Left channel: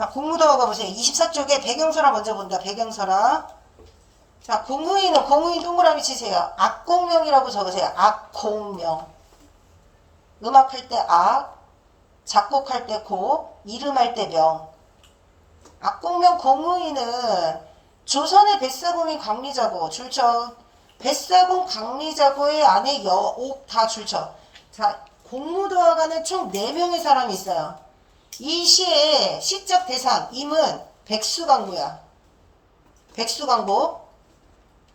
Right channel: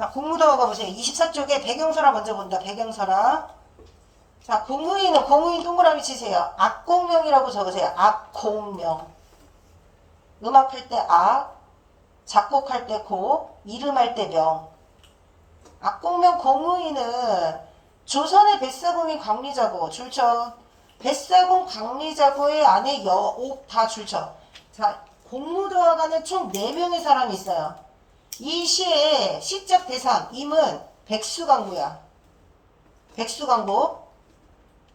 자, 공무도화 가보세요. 24쪽에 배경설화 먼저 본다. 배경설화. 자, 공무인 동그라미 치세요. 악공명이라고 적으세요. 악공명. 음악할 때 악, 작곡할 때 고, 이름할 때 명. 악공명 공무인은 조선의 뱃사공인 강리자고 줄쳐. 뱃사공 강리자고의 아내 여옥 다 줄쳐. 자, 공무도화가는 총 4명의 사람이 있어요. 이 시의 시적 대상 임은 백수강부야. 백수강부.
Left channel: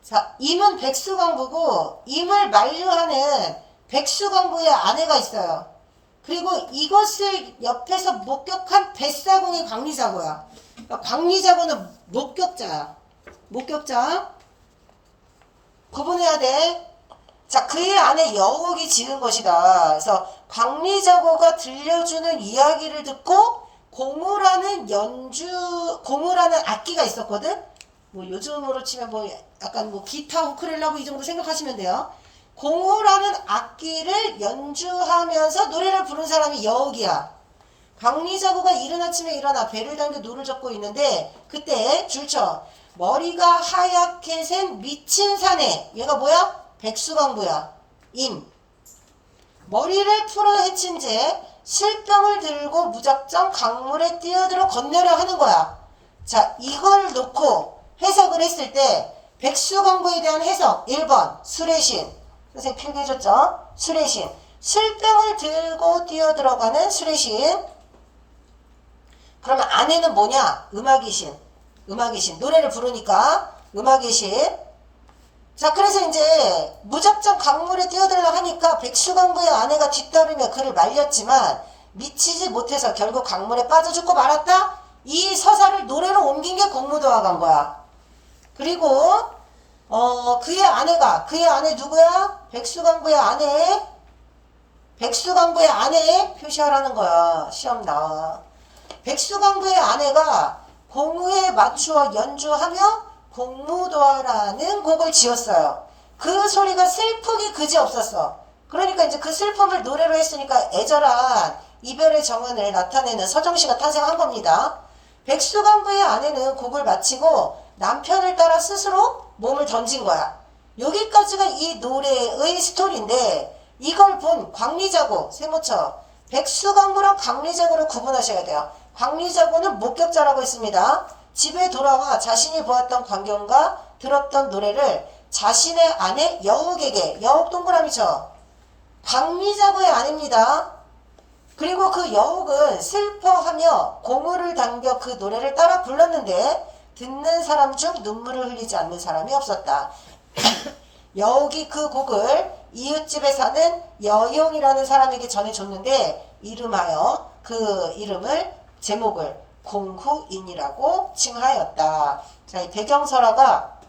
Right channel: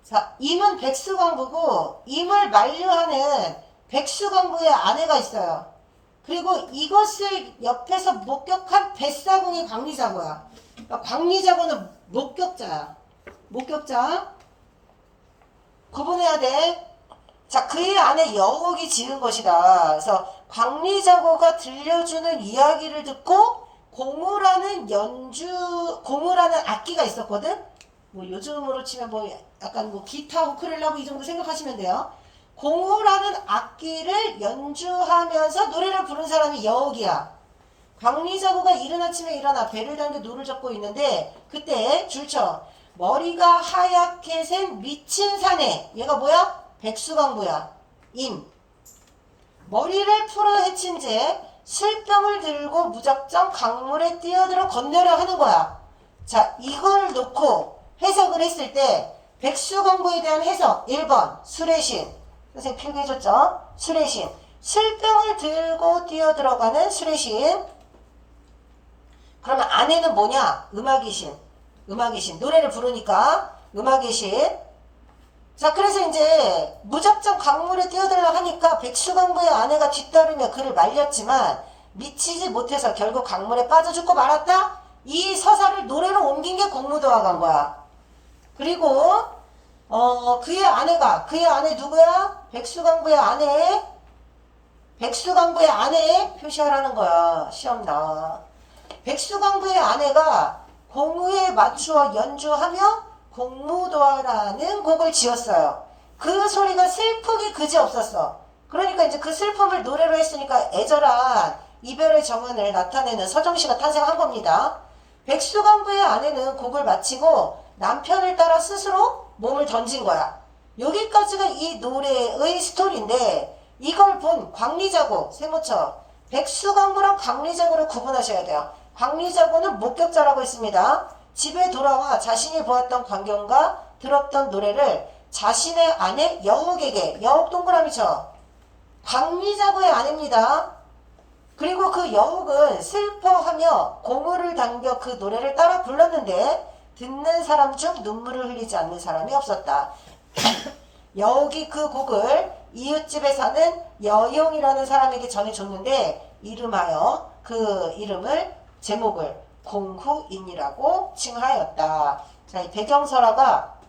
자, 임은 백수강부고 임을 만류하는 백수강부의 아내가 있어요. 그리고 이것을 옆에서 목격한 뱃사공이 강리자고야. 그러니까 강리자고는 목격자야. 목격자. 구분해야 돼. 자, 그의 아내 여옥이 지는 것이다. 그래서 강리자고가 들려주는 이야기를 듣고 고무라는 악기가 있었거든. 뭐 요즘으로 치면 뭐 약간 뭐 기타, 우쿨렐레 이 정도 생각하시면 돼요. 고무라는 악기를 연주하면서 노래를 부른 사람이 여옥이야. 강리자고가 이른 아침에 일어나 배를 당겨 노를 젓고 있는데 그때 줄쳐 머리가 하얗게 센 미친 사내. 얘가 뭐야? 백수강부야. 임. 머리를 풀어 헤친 채 술병을 들고 무작정 강물에 뛰어들어 건너려 하는 거야. 자, 이걸 놓고 해석을 했을 때 백수강부에 대한 해석 1번 술의 신. 선생님 필기해줬죠? 술의 신. 술병을 들고 뛰어들어가는 술의 신. 그러면 아내는 뭐냐? 음악의 신. 음악의 신. 노래를 부르니까 음악의 신. 자, 그래서 이제 무작정 강물에 뛰어들려 하니까 백수강부의 아내가 뒤따르며 그를 말렸지만 미치지 못해서 결국 강물에 빠져 죽고 말았다. 이 서사를 노래로 옮긴 게 공무도화가인 거야. 그리고 그의 아내 누구야? 백수강부의 아내 표시하라는 거야. 시험 나와. 백수강부의 아내가 공우에 맞추어 연주하며 공무도화라는 곡을 지었어요. 그 소리가 슬프기 그지없었어. 그러니까 이제 그 슬픔을 노래로 했으니까 애절한 이별의 정은을 나타내는 서정시가 탄생한 겁니다. 백수강부의 아내는 곡을 마치고 남편을 따라 스스로 몸을 던진 거야. 여기까지가 이 노래의 스토리인데 이걸 본 광리자고, 세모처. 백수강부랑 광리자고를 구분하셔야 돼요. 광리자고는 목격자라고 했습니다. 집에 돌아와 자신이 보았던 광경과 들었던 노래를 자신의 아내 여옥에게, 여옥 동그라미 쳐. 광리자고의 아내입니다. 그리고 그 여옥은 슬퍼하며 고무를 당겨 그 노래를 따라 불렀는데 듣는 사람 중 눈물을 흘리지 않는 사람이 없었다. 여옥이 그 곡을 이웃집에 사는 여용이라는 사람에게 전해줬는데 이름하여 그 이름을 제목을 공후인이라고 칭하였다. 자, 이 배경설화가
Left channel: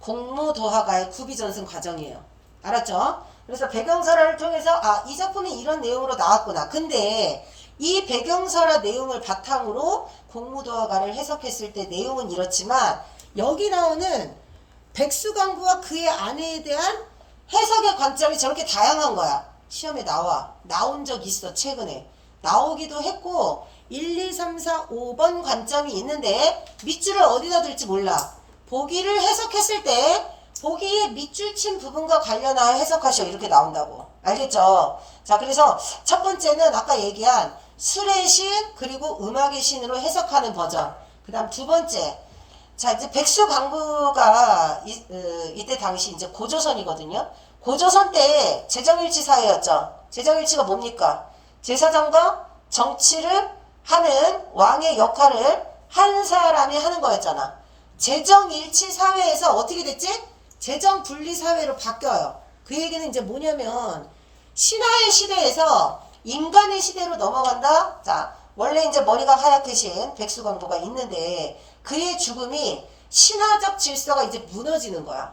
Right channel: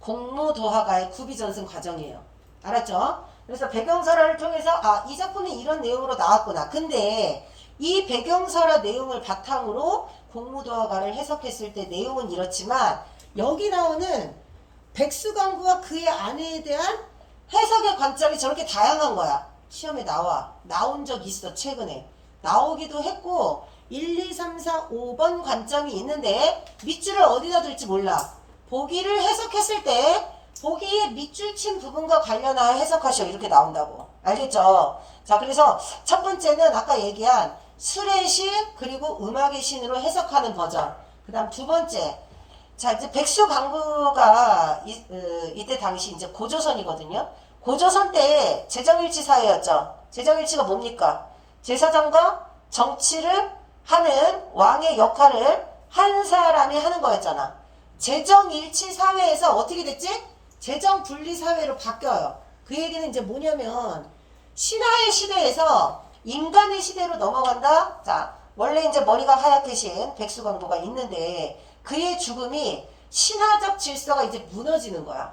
공무도화가의 구비전승 과정이에요. 알았죠? 그래서 배경설화를 통해서 이 작품이 이런 내용으로 나왔구나. 근데 이 배경설화 내용을 바탕으로 공무도화가를 해석했을 때 내용은 이렇지만 여기 나오는 백수강부와 그의 아내에 대한 해석의 관점이 저렇게 다양한 거야. 시험에 나온 적 있어. 최근에 나오기도 했고 1, 2, 3, 4, 5번 관점이 있는데 밑줄을 어디다 둘지 몰라. 보기를 해석했을 때 보기의 밑줄 친 부분과 관련하여 해석하시오. 이렇게 나온다고. 알겠죠? 자, 그래서 첫 번째는 아까 얘기한 술의 신 그리고 음악의 신으로 해석하는 버전. 그 다음 두 번째. 자, 이제 백수강부가 이때 당시 이제 고조선이거든요. 고조선 때 재정일치 사회였죠. 재정일치가 뭡니까? 제사장과 정치를 하는 왕의 역할을 한 사람이 하는 거였잖아. 재정일치 사회에서 어떻게 됐지? 재정분리 사회로 바뀌어요. 그 얘기는 이제 뭐냐면 신화의 시대에서 인간의 시대로 넘어간다. 자, 원래 이제 머리가 하얗게 신 백수강부가 있는데 그의 죽음이 신화적 질서가 이제 무너지는 거야.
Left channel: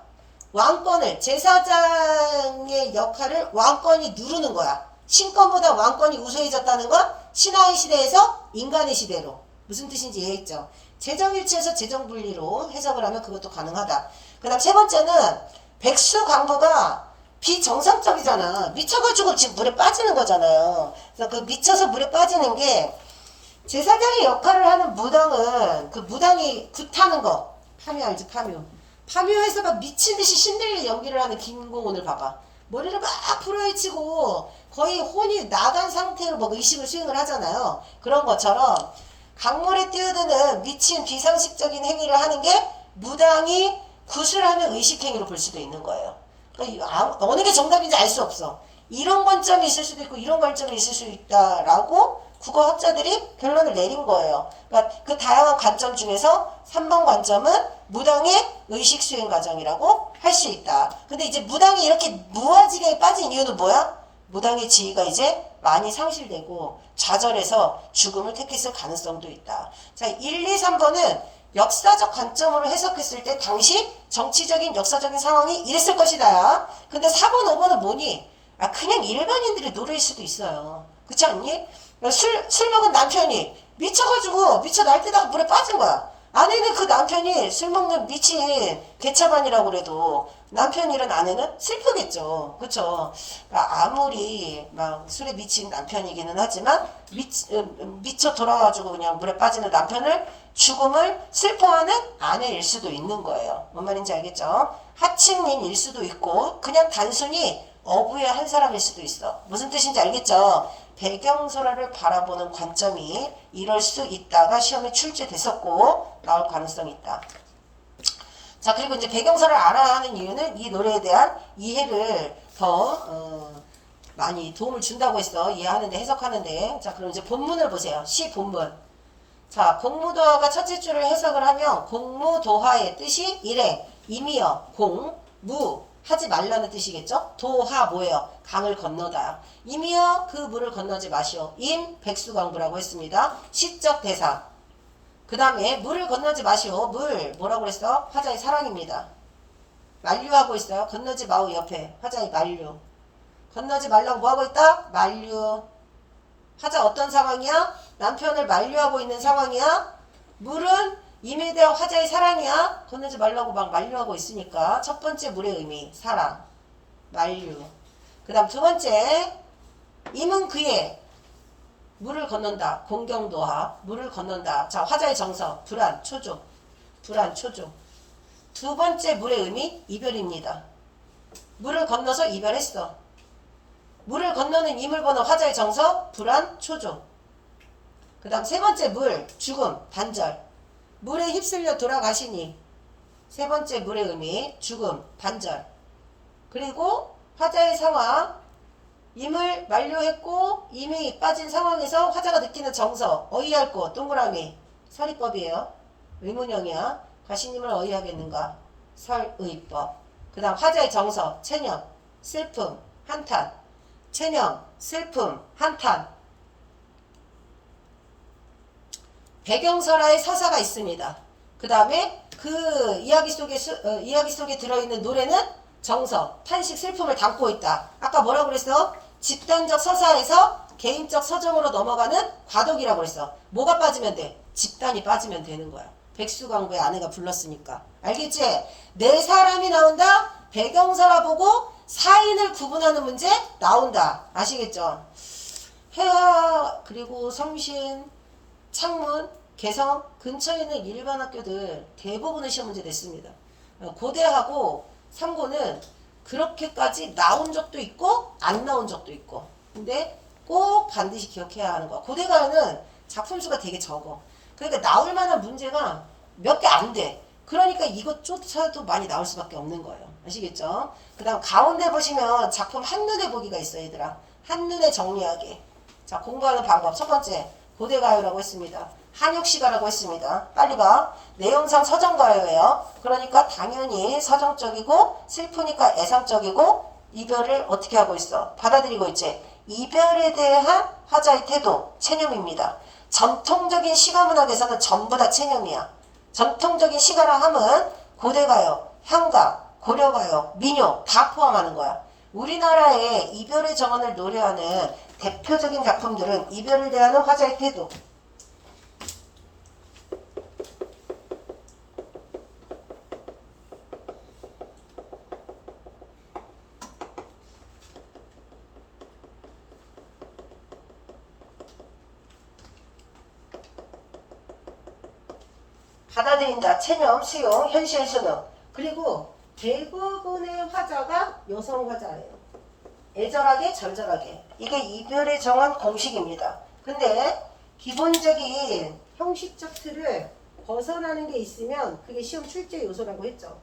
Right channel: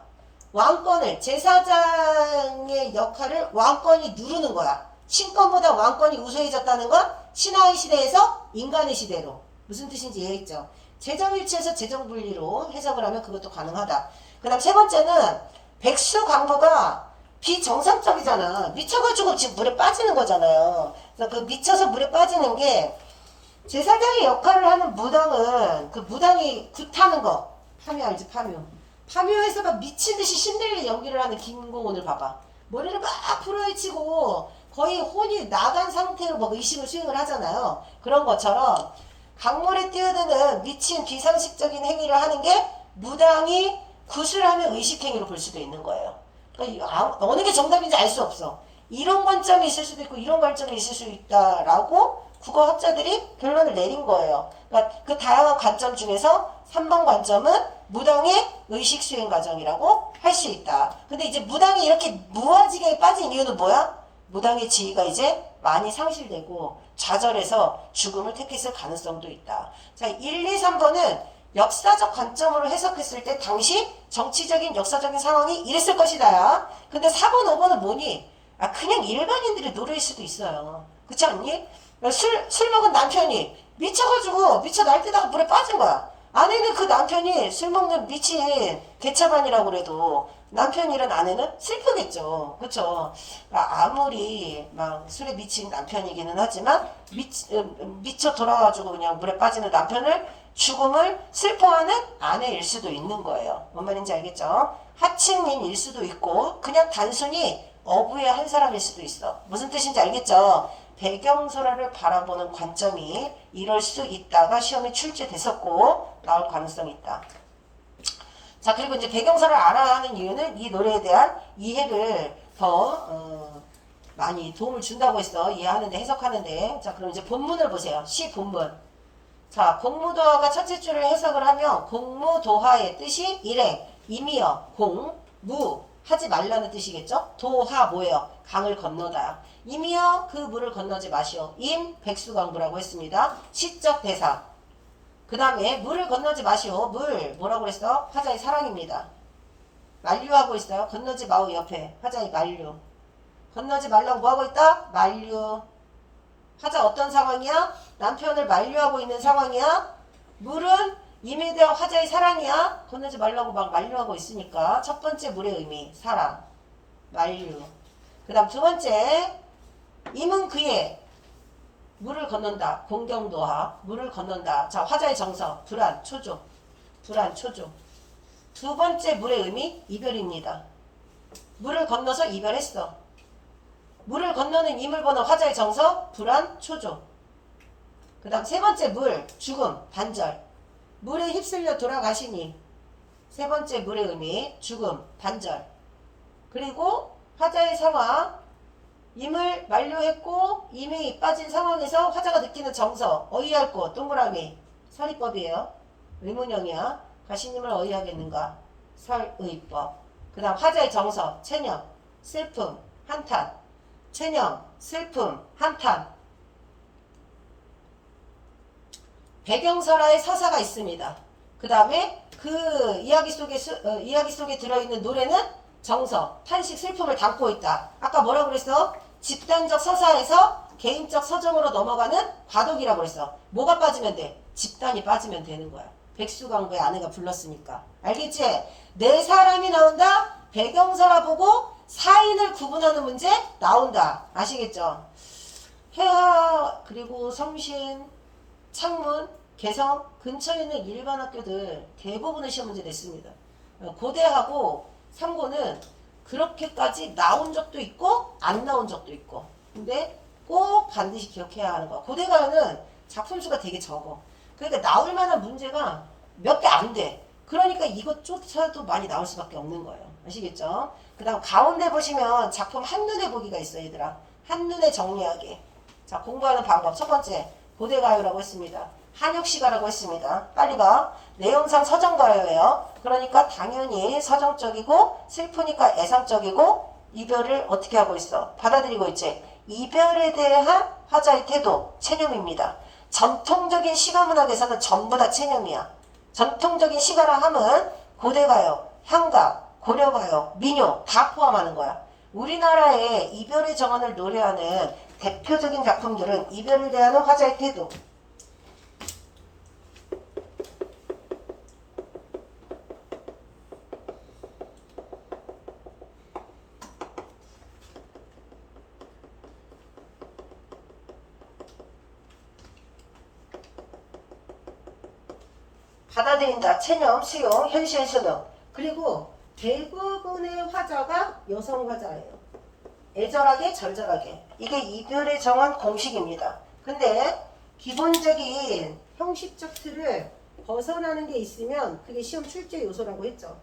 왕권을, 제사장의 역할을 왕권이 누르는 거야. 신권보다 왕권이 우수해졌다는 건 신화의 시대에서 인간의 시대로. 무슨 뜻인지 이해했죠? 재정일치에서 재정분리로 해석을 하면 그것도 가능하다. 그 다음 세 번째는 백수강부가 비정상적이잖아. 미쳐가지고 지금 물에 빠지는 거잖아요. 그래서 그 미쳐서 물에 빠지는 게 제사장의 역할을 하는 무당은 그 무당이 굿하는 거 파묘 알지 파묘 파묘에서 막 미친듯이 신들리 연기를 하는 김고은을 봐봐. 머리를 막 풀어헤치고 거의 혼이 나간 상태로 뭐 의식을 수행을 하잖아요. 그런 것처럼 강물에 뛰어드는 미친 비상식적인 행위를 하는 게 무당이 굿을 하는 의식행위로 볼 수도 있는 거예요. 그러니까 어느 게 정답인지 알 수 없어. 이런 관점이 있을 수도 있고 이런 관점이 있을 수 있다라고 국어학자들이 결론을 내린 거예요. 그러니까 그 다양한 관점 중에서 3번 관점은 무당의 의식 수행 과정이라고 할 수 있다. 근데 이제 무당이 이렇게 무아지경에 빠진 이유는 뭐야? 무당의 지위가 이제 많이 상실되고 좌절해서 죽음을 택했을 가능성도 있다. 자, 1, 2, 3번은 역사적 관점으로 해석했을 때 당시 정치적인 역사적인 상황이 이랬을 것이다. 근데 4번, 5번은 뭐니? 아, 그냥 일반인들의 노래일 수도 있어요. 그렇지 않니? 술 먹은 남편이 미쳐가지고 미쳐 날뛰다가 물에 빠진 거야. 아내는 그 남편이 술 먹는 미친 개차반이라고 그래도 남편이란 아내는 슬프겠죠. 그쵸? 아무리 막 술에 미친 남편이기는 하지만 미쳐 돌아가지고 그냥 물에 빠지는 남편을 죽음을 슬퍼하는 아내일 수도 있는 거예요. 뭔 말인지 알겠죠? 하층민일 수도 있고 그냥 단순히 어부의 한 사람일 수도 있어. 무슨 뜻인지 알겠죠? 배경설화를 바라보는 관점이 이럴 수 있다가 시험에 출제됐었고 나올 가능성이 있다. 자, 그리고 이제 배경설을 알아야 하는 이유는 이 노래에 대한 이해를 더 많이 도움을 준다고 했어. 이해하는데 해석하는데. 자, 그럼 이제 본문을 보세요. 시 본문. 자, 공무도화가 첫째 줄을 해석을 하면 공무도화의 뜻이 일행, 임이여, 공, 무, 하지 말라는 뜻이겠죠? 도하 뭐예요? 강을 건너다. 임이여 그 물을 건너지 마시오. 임 백수광부라고 했습니다. 시적 대사. 그 다음에 물을 건너지 마시오. 물 뭐라고 그랬어? 화자의 사랑입니다. 만류하고 있어요. 건너지 마오 옆에 화자의 만류. 건너지 말라고 뭐하고 있다? 만류. 화자 어떤 상황이야? 남편을 만류하고 있는 상황이야. 물은 임에 대한 화자의 사랑이야. 건너지 말라고 막 만류하고 있으니까 첫 번째 물의 의미 사랑 만류. 그 다음 두 번째 임은 그의 물을 건넌다. 공경도하 물을 건넌다. 자, 화자의 정서 불안 초조. 불안 초조. 두 번째 물의 의미 이별입니다. 물을 건너서 이별했어. 물을 건너는 임을 보는 화자의 정서 불안 초조. 그 다음 세 번째 물 죽음 단절. 물에 휩쓸려 돌아가시니 세 번째 물의 의미 죽음 단절. 그리고 화자의 상황 임을 만류했고 임이 빠진 상황에서 화자가 느끼는 정서 어이할 곳 동그라미 설의법이에요. 의문형이야. 가시님을 어이하겠는가 설의법. 그 다음 화자의 정서 체념 슬픔 한탄. 체념 슬픔 한탄. 배경설화의 서사가 있습니다. 그 다음에 그 이야기 속에 들어있는 노래는 정서, 탄식, 슬픔을 담고 있다. 아까 뭐라고 그랬어? 집단적 서사에서 개인적 서정으로 넘어가는 과도기라고 그랬어. 뭐가 빠지면 돼? 집단이 빠지면 되는 거야. 백수광부의 아내가 불렀으니까. 알겠지? 네 사람이 나온다. 배경설화 보고 사인을 구분하는 문제 나온다. 아시겠죠? 해화 그리고 성신 창문, 개성 근처에 있는 일반 학교들 대부분의 시험 문제 냈습니다. 고대하고 상고는 그렇게까지 나온 적도 있고 안 나온 적도 있고 근데 꼭 반드시 기억해야 하는 거야. 고대가요는 작품 수가 되게 적어. 그러니까 나올 만한 문제가 몇 개 안 돼. 그러니까 이것조차도 많이 나올 수밖에 없는 거예요. 아시겠죠? 그 다음 가운데 보시면 작품 한눈에 보기가 있어요. 얘들아. 한눈에 정리하기. 자, 공부하는 방법 첫 번째 고대가요라고 했습니다. 한육시가라고 했습니다. 빨리 봐. 내용상 서정가요예요. 그러니까 당연히 서정적이고 슬프니까 애상적이고 이별을 어떻게 하고 있어? 받아들이고 있지. 이별에 대한 화자의 태도, 체념입니다. 전통적인 시가문학에서는 전부 다 체념이야. 전통적인 시가라 함은 고대가요, 향가, 고려가요, 민요 다 포함하는 거야. 우리나라의 이별의 정원을 노래하는 대표적인 작품들은 이별을 대하는 화자의 태도. 받아들인다, 체념, 수용, 현실 수능. 그리고 대부분의 화자가 여성 화자예요. 애절하게, 절절하게. 이게 이별에 정한 공식입니다. 근데 기본적인 형식적 틀을 벗어나는 게 있으면 그게 시험 출제 요소라고 했죠.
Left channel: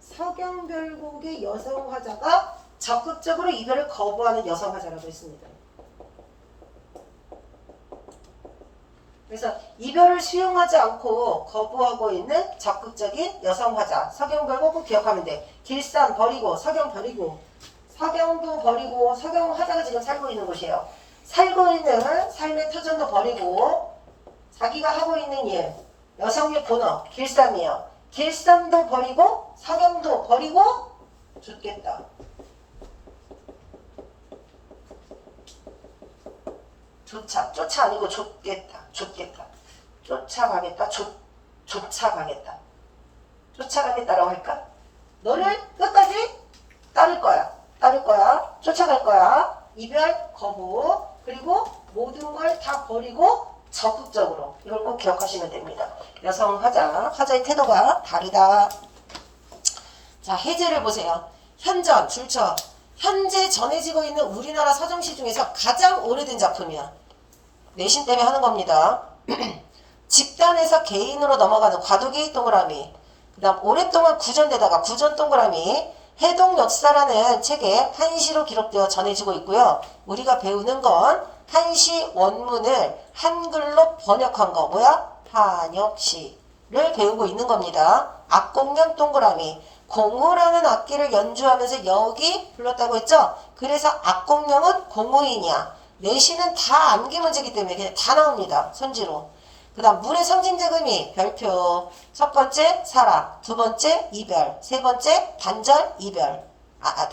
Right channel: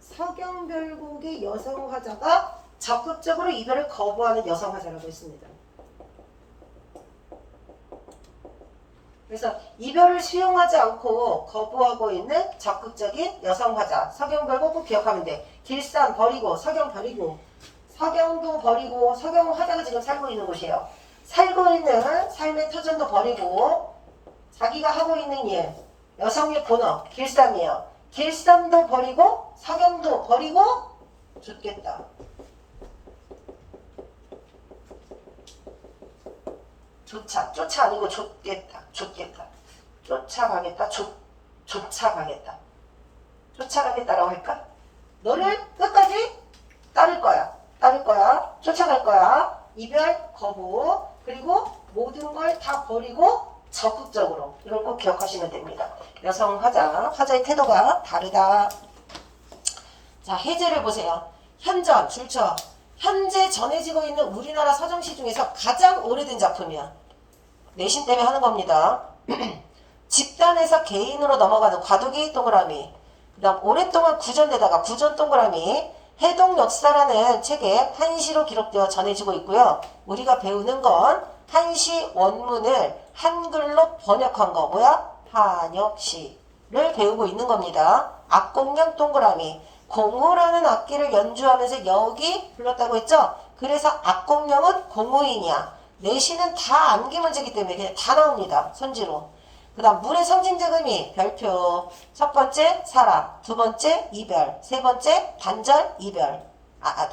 서경별곡의 여성 화자가 적극적으로 이별을 거부하는 여성 화자라고 했습니다. 그래서 이별을 수용하지 않고 거부하고 있는 적극적인 여성 화자. 서경별곡 꼭 기억하면 돼. 길산 버리고, 서경 버리고, 서경도 버리고, 서경 화자가 지금 살고 있는 곳이에요. 살고 있는 삶의 터전도 버리고, 자기가 하고 있는 일, 여성의 본업, 길쌈이에요. 길쌈도 버리고, 서경도 버리고, 죽겠다. 쫓아 아니고 쫓겠다. 쫓아가겠다. 쫓아가겠다. 쫓아가겠다라고 할까? 너를 끝까지 따를 거야. 쫓아갈 거야. 이별, 거부, 그리고 모든 걸 다 버리고 적극적으로. 이걸 꼭 기억하시면 됩니다. 여성 화자의 태도가 다르다. 자, 해제를 보세요. 현전, 줄쳐. 현재 전해지고 있는 우리나라 서정시 중에서 가장 오래된 작품이야. 내신 때문에 하는 겁니다. 집단에서 개인으로 넘어가는 과도기 동그라미. 그 다음 오랫동안 구전되다가 구전 동그라미. 해동 역사라는 책에 한시로 기록되어 전해지고 있고요. 우리가 배우는 건 한시 원문을 한글로 번역한 거. 뭐야? 한역시를 배우고 있는 겁니다. 악공양 동그라미. 공우라는 악기를 연주하면서 여기 불렀다고 했죠? 그래서 악공양은 공우인이야. 내시는 다 암기 문제이기 때문에 그냥 다 나옵니다. 손지로. 그 다음 물의 상징적 의미 별표. 첫 번째 사랑, 두 번째 이별, 세 번째 단절 이별,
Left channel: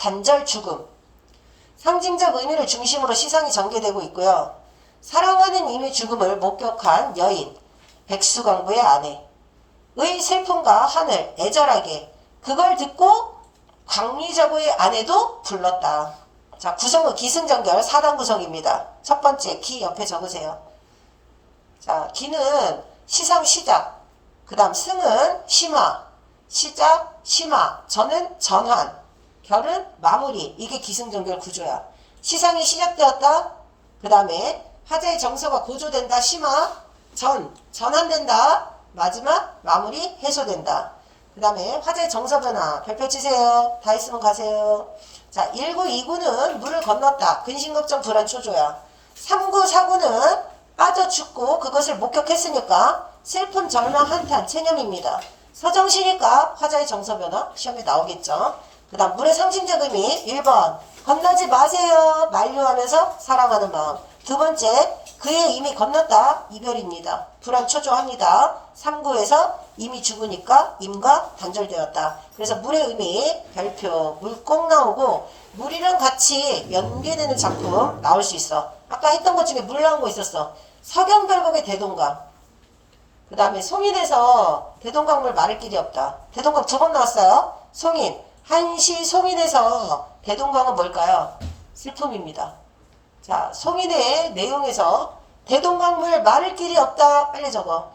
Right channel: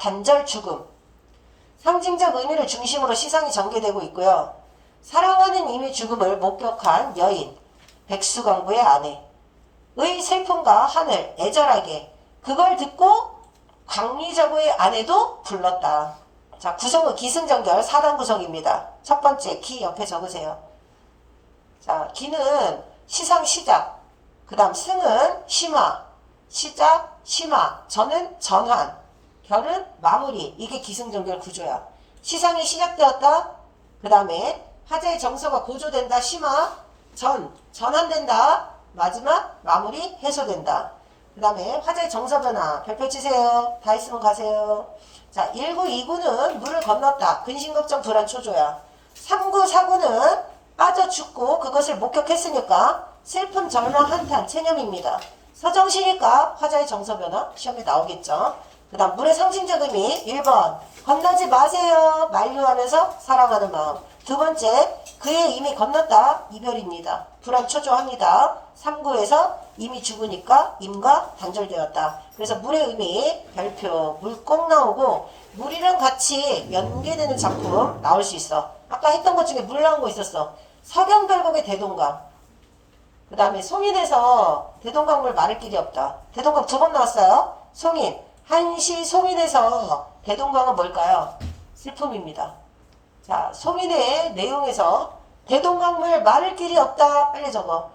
단절 죽음. 상징적 의미를 중심으로 시상이 전개되고 있고요. 사랑하는 이미 죽음을 목격한 여인, 백수광부의 아내의 슬픔과 하늘, 애절하게 그걸 듣고 광리저구의 아내도 불렀다. 자, 구성은 기승전결 4단 구성입니다. 첫 번째 기 옆에 적으세요. 자, 기는 시상 시작, 그 다음 승은 심화, 시작 심화, 전은 전환, 결은 마무리. 이게 기승전결 구조야. 시상이 시작되었다. 그 다음에 화제의 정서가 고조된다. 심화, 전환된다. 마지막 마무리, 해소된다. 그 다음에 화제의 정서 변화. 별표 치세요. 다 있으면 가세요. 자, 1구, 2구는 물을 건넜다. 근심, 걱정, 불안, 초조야. 3구, 4구는 빠져 죽고 그것을 목격했으니까 슬픔, 절망, 한탄, 체념입니다. 서정시니까 화자의 정서 변화 시험에 나오겠죠. 그 다음 물의 상징적 의미 1번 건너지 마세요. 만류하면서 사랑하는 마음. 두 번째 그의 이미 건넜다. 이별입니다. 불안, 초조합니다. 3구에서 이미 죽으니까 임과 단절되었다. 그래서 물의 의미 별표 물 꼭 나오고 물이랑 같이 연계되는 작품 나올 수 있어. 아까 했던 것 중에 물 나온 거 있었어. 서경별곡의 대동강. 그 다음에 송인에서 대동강물 마를 길이 없다. 대동강 2번 나왔어요. 송인. 한시 송인에서 대동강은 뭘까요? 슬픔입니다. 자, 송인의 내용에서 대동강물 마를 길이 없다. 빨리 적어.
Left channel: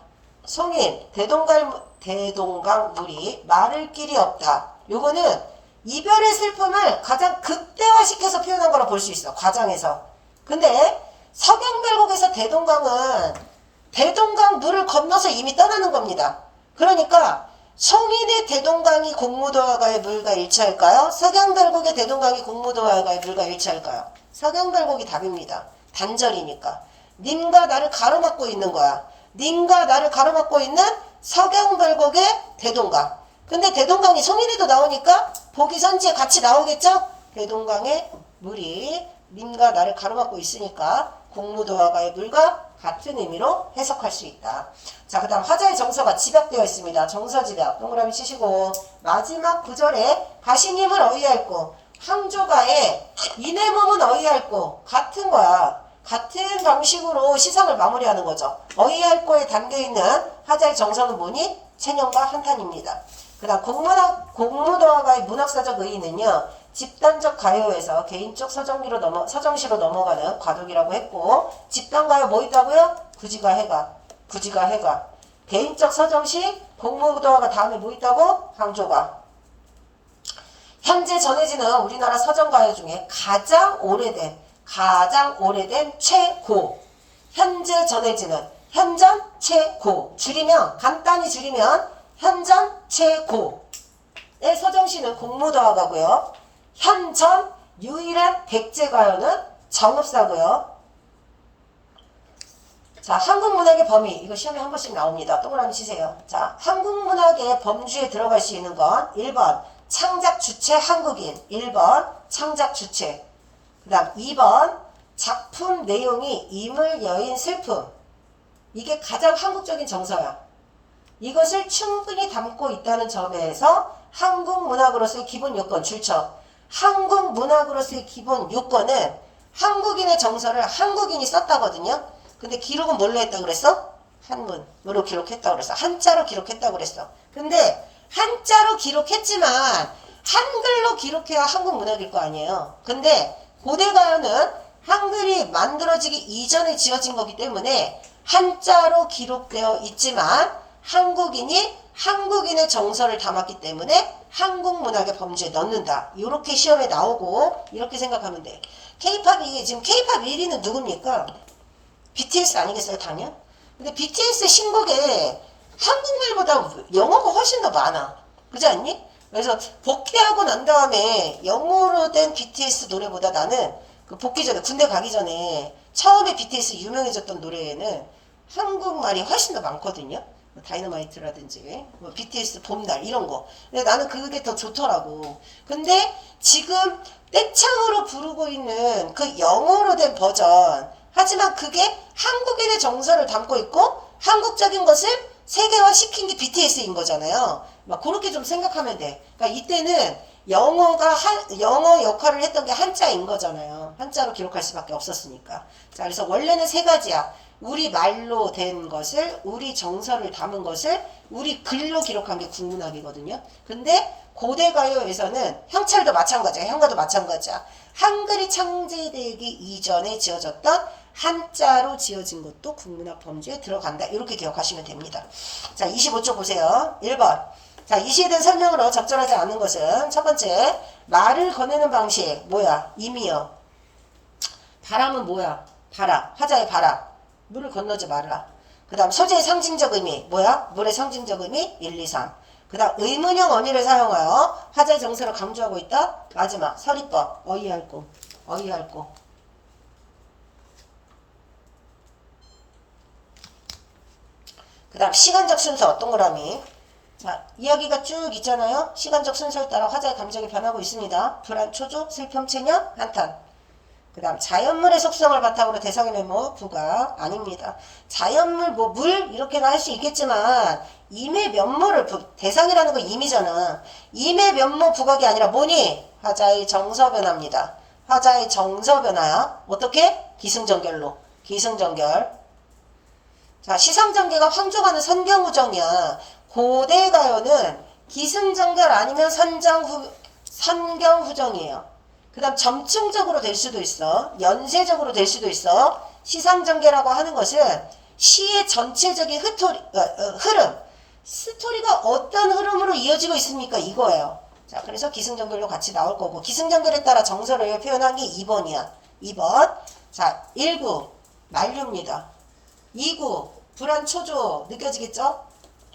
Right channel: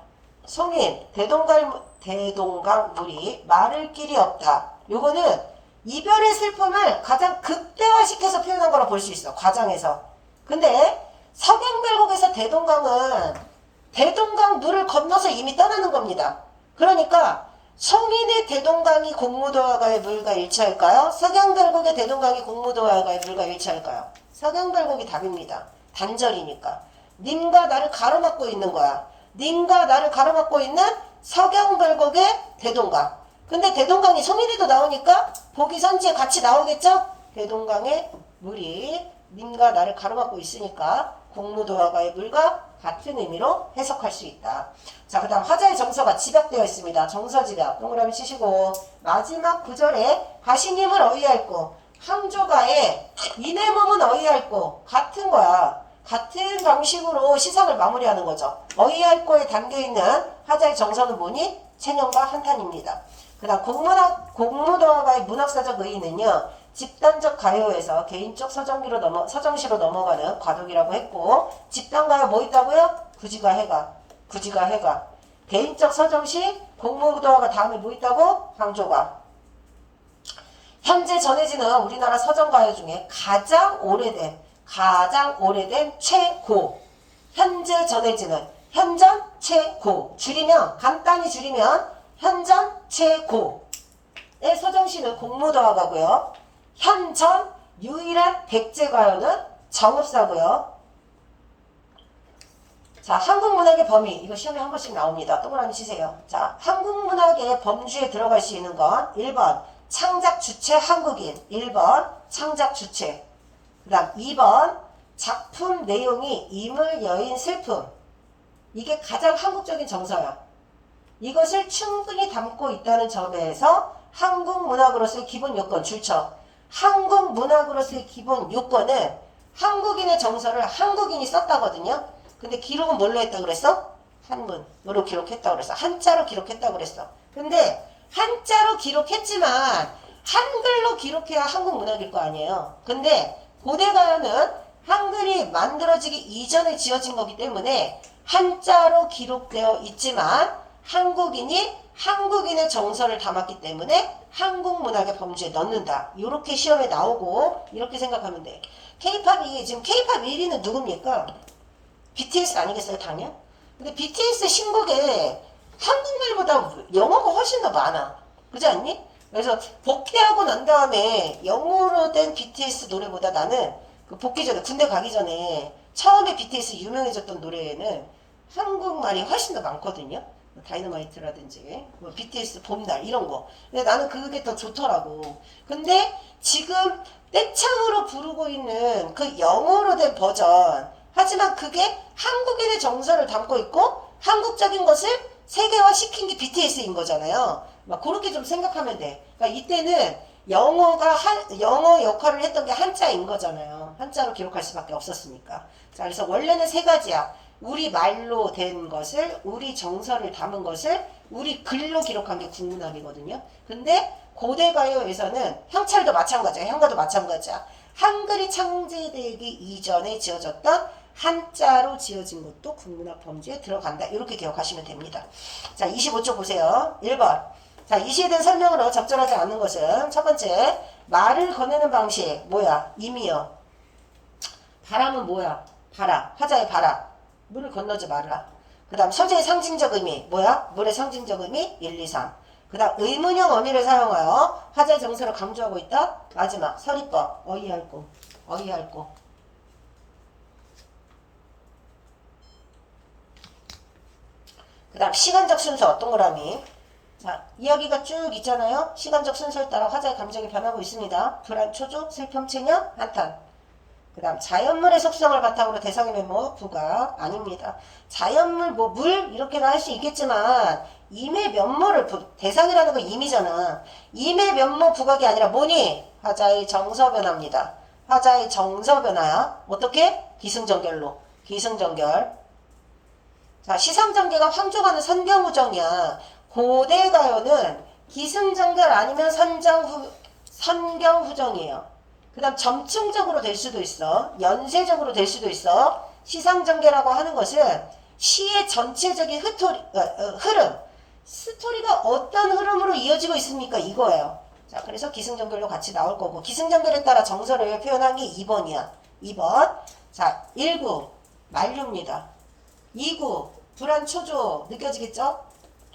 송인, 대동강물이 마를 길이 없다. 요거는 이별의 슬픔을 가장 극대화시켜서 표현한 거라 볼 수 있어. 과장해서. 근데 서경별곡에서 대동강은 대동강 물을 건너서 이미 떠나는 겁니다. 그러니까 송인의 대동강이 공무도화가의 물과 일치할까요? 서경별곡의 대동강이 공무도화가의 물과 일치할까요? 서경별곡이 답입니다. 단절이니까. 님과 나를 가로막고 있는 거야. 님과 나를 가로막고 있는 서경별곡의 대동강. 근데 대동강이 송인에도 나오니까 보기선지에 같이 나오겠죠? 대동강의 물이 님과 나를 가로막고 있으니까 공무도화가의 물과 같은 의미로 해석할 수 있다. 자, 그 다음 화자의 정서가 집약되어 있습니다. 정서 집약 동그라미 치시고 마지막 구절에 가시님을 어이할고 항조가에 이내 몸은 어이할고 같은 거야. 같은 방식으로 시상을 마무리하는 거죠. 어이할고에 담겨있는 화자의 정서는 뭐니? 체념과 한탄입니다. 그 다음 공무도화가의 문학사적 의의는요. 집단적 가요에서 개인적 서정시로 넘어가는 과도기라고 했고 집단가요 뭐 있다고요? 구지가 해가. 개인적 서정시 공무도화가 다음에 뭐 있다고? 강조가. 현재 전해지는 우리나라 서정가요 중에 가장 오래된 최고. 현재 전해지는 현전 최고. 줄이면 간단히 줄이면 현전 최고의 서정시는 공무도화가고요. 현전 유일한 백제가요는 정읍사고요. 자, 한국문학의 범위. 이거 시험에 한 번씩 나옵니다. 동그라미 치세요. 자, 한국문학의 범주에 들어갈 수 있는 건 1번 창작 주체 한국인. 1번 창작 주체. 그 다음 2번 작품 내용이 인물, 여인, 슬픔. 이게 가장 한국적인 정서야. 이것을 충분히 담고 있다는 점에서 한국문학으로서의 기본 요건 줄쳐. 한국문학으로서의 기본 요건은 한국인의 정서를 한국인이 썼다거든요. 근데 기록은 뭘로 했다고 그랬어? 한문으로 기록했다고 그랬어. 한자로 기록했다고 그랬어. 근데 한자로 기록했지만 한글로 기록해야 한국문학일 거 아니에요. 근데 고대가요는 한글이 만들어지기 이전에 지어진 거기 때문에 한자로 기록되어 있지만 한국인의 정서를 담았기 때문에 한국문학의 범주에 넣는다. 이렇게 시험에 나오고 이렇게 생각하면 돼. K-팝이 지금 K-팝 1위는 누굽니까? BTS 아니겠어요, 당연? 근데 BTS 신곡에 한국말보다 영어가 훨씬 더 많아. 그렇지 않니? 그래서 복귀하고 난 다음에 영어로 된 BTS 노래보다 나는 그 복귀 전에, 군대 가기 전에 처음에 BTS 유명해졌던 노래에는 한국말이 훨씬 더 많거든요. 다이너마이트라든지 뭐 BTS 봄날 이런 거. 근데 나는 그게 더 좋더라고. 근데 지금 떼창으로 부르고 있는 그 영어로 된 버전, 하지만 그게 한국인의 정서를 담고 있고 한국적인 것을 세계화시킨 게 BTS인 거잖아요. 막 그렇게 좀 생각하면 돼. 그러니까 이때는 영어 역할을 했던 게 한자인 거잖아요. 한자로 기록할 수밖에 없었으니까. 자, 그래서 원래는 세 가지야. 우리 말로 된 것을, 우리 정서를 담은 것을 우리 글로 기록한 게 국문학이거든요. 근데 고대가요에서는 형찰도 마찬가지야. 형가도 마찬가지야. 한글이 창제되기 이전에 지어졌던 한자로 지어진 것도 국문학 범주에 들어간다. 이렇게 기억하시면 됩니다. 자, 25쪽 보세요. 1번. 자, 이 시에 대한 설명으로 적절하지 않은 것은 첫 번째, 말을 거내는 방식. 뭐야? 임이요. 바람은 뭐야? 바라. 하자의 바라. 물을 건너지 말라. 그 다음 소재의 상징적 의미. 뭐야? 물의 상징적 의미. 1, 2, 3. 그 다음 의문형 어미를 사용하여 하자의 정서를 강조하고 있다. 마지막 서리법. 어이할고. 그 다음 시간적 순서. 동그라미. 자, 이야기가 쭉 있잖아요. 시간적 순서에 따라 화자의 감정이 변하고 있습니다. 불안, 초조, 슬픔, 체념, 한탄. 그 다음 자연물의 속성을 바탕으로 대상의 메모 부각 아닙니다. 자연물 뭐 물 이렇게나 할 수 있겠지만 임의 면모를 대상이라는 건 임이잖아. 임의 면모 부각이 아니라 뭐니? 화자의 정서 변화입니다. 화자의 정서 변화야. 어떻게? 기승전결로. 기승전결. 자, 시상전개가 황족하는 선경후정이야. 고대가요는 기승전결 아니면 선경후정이에요. 그 다음 점층적으로 될 수도 있어. 연쇄적으로 될 수도 있어. 시상전개라고 하는 것은 시의 전체적인 흐름. 스토리가 어떤 흐름으로 이어지고 있습니까? 이거예요. 자, 그래서 기승전결로 같이 나올 거고, 기승전결에 따라 정서를 표현한 게 2번이야. 2번. 자, 1구. 만류입니다. 2구. 불안 초조. 느껴지겠죠?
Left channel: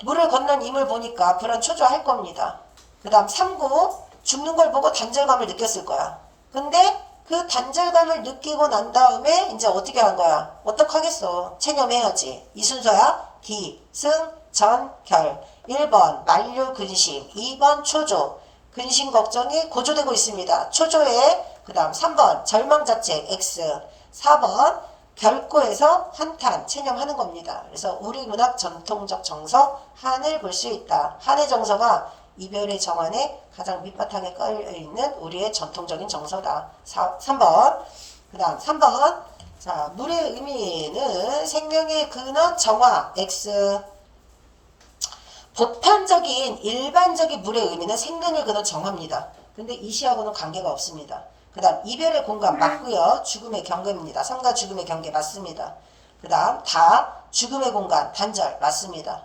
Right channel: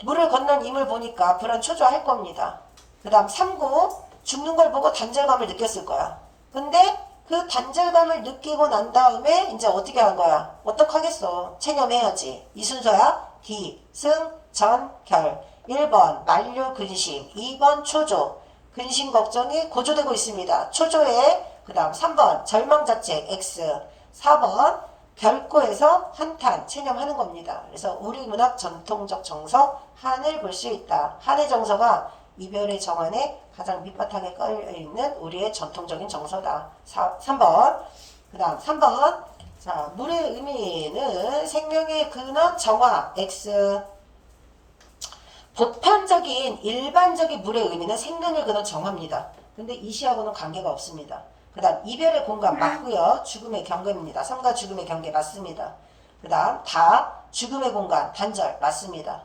물을 건넌 임을 보니까 불안 초조할 겁니다. 그 다음 3구. 죽는 걸 보고 단절감을 느꼈을 거야. 근데 그 단절감을 느끼고 난 다음에 이제 어떻게 한 거야? 어떡하겠어? 체념해야지. 이 순서야. 기, 승, 전, 결. 1번 만류 근심, 2번 초조. 근심 걱정이 고조되고 있습니다. 초조에 그 다음 3번 절망자책 X, 4번 결코에서 한탄 체념하는 겁니다. 그래서 우리 문학 전통적 정서 한을 볼 수 있다. 한의 정서가 이별의 정환에 가장 밑바탕에 깔려있는 우리의 전통적인 정서다. 3번. 그 다음 3번. 자, 물의 의미는 생명의 근원 정화 X. 보편적인 일반적인 물의 의미는 생명의 근원 정화입니다. 근데 이 시하고는 관계가 없습니다. 그 다음 이별의 공간 맞고요. 죽음의 경계입니다. 삶과 죽음의 경계 맞습니다. 그 다음 다 죽음의 공간 단절 맞습니다.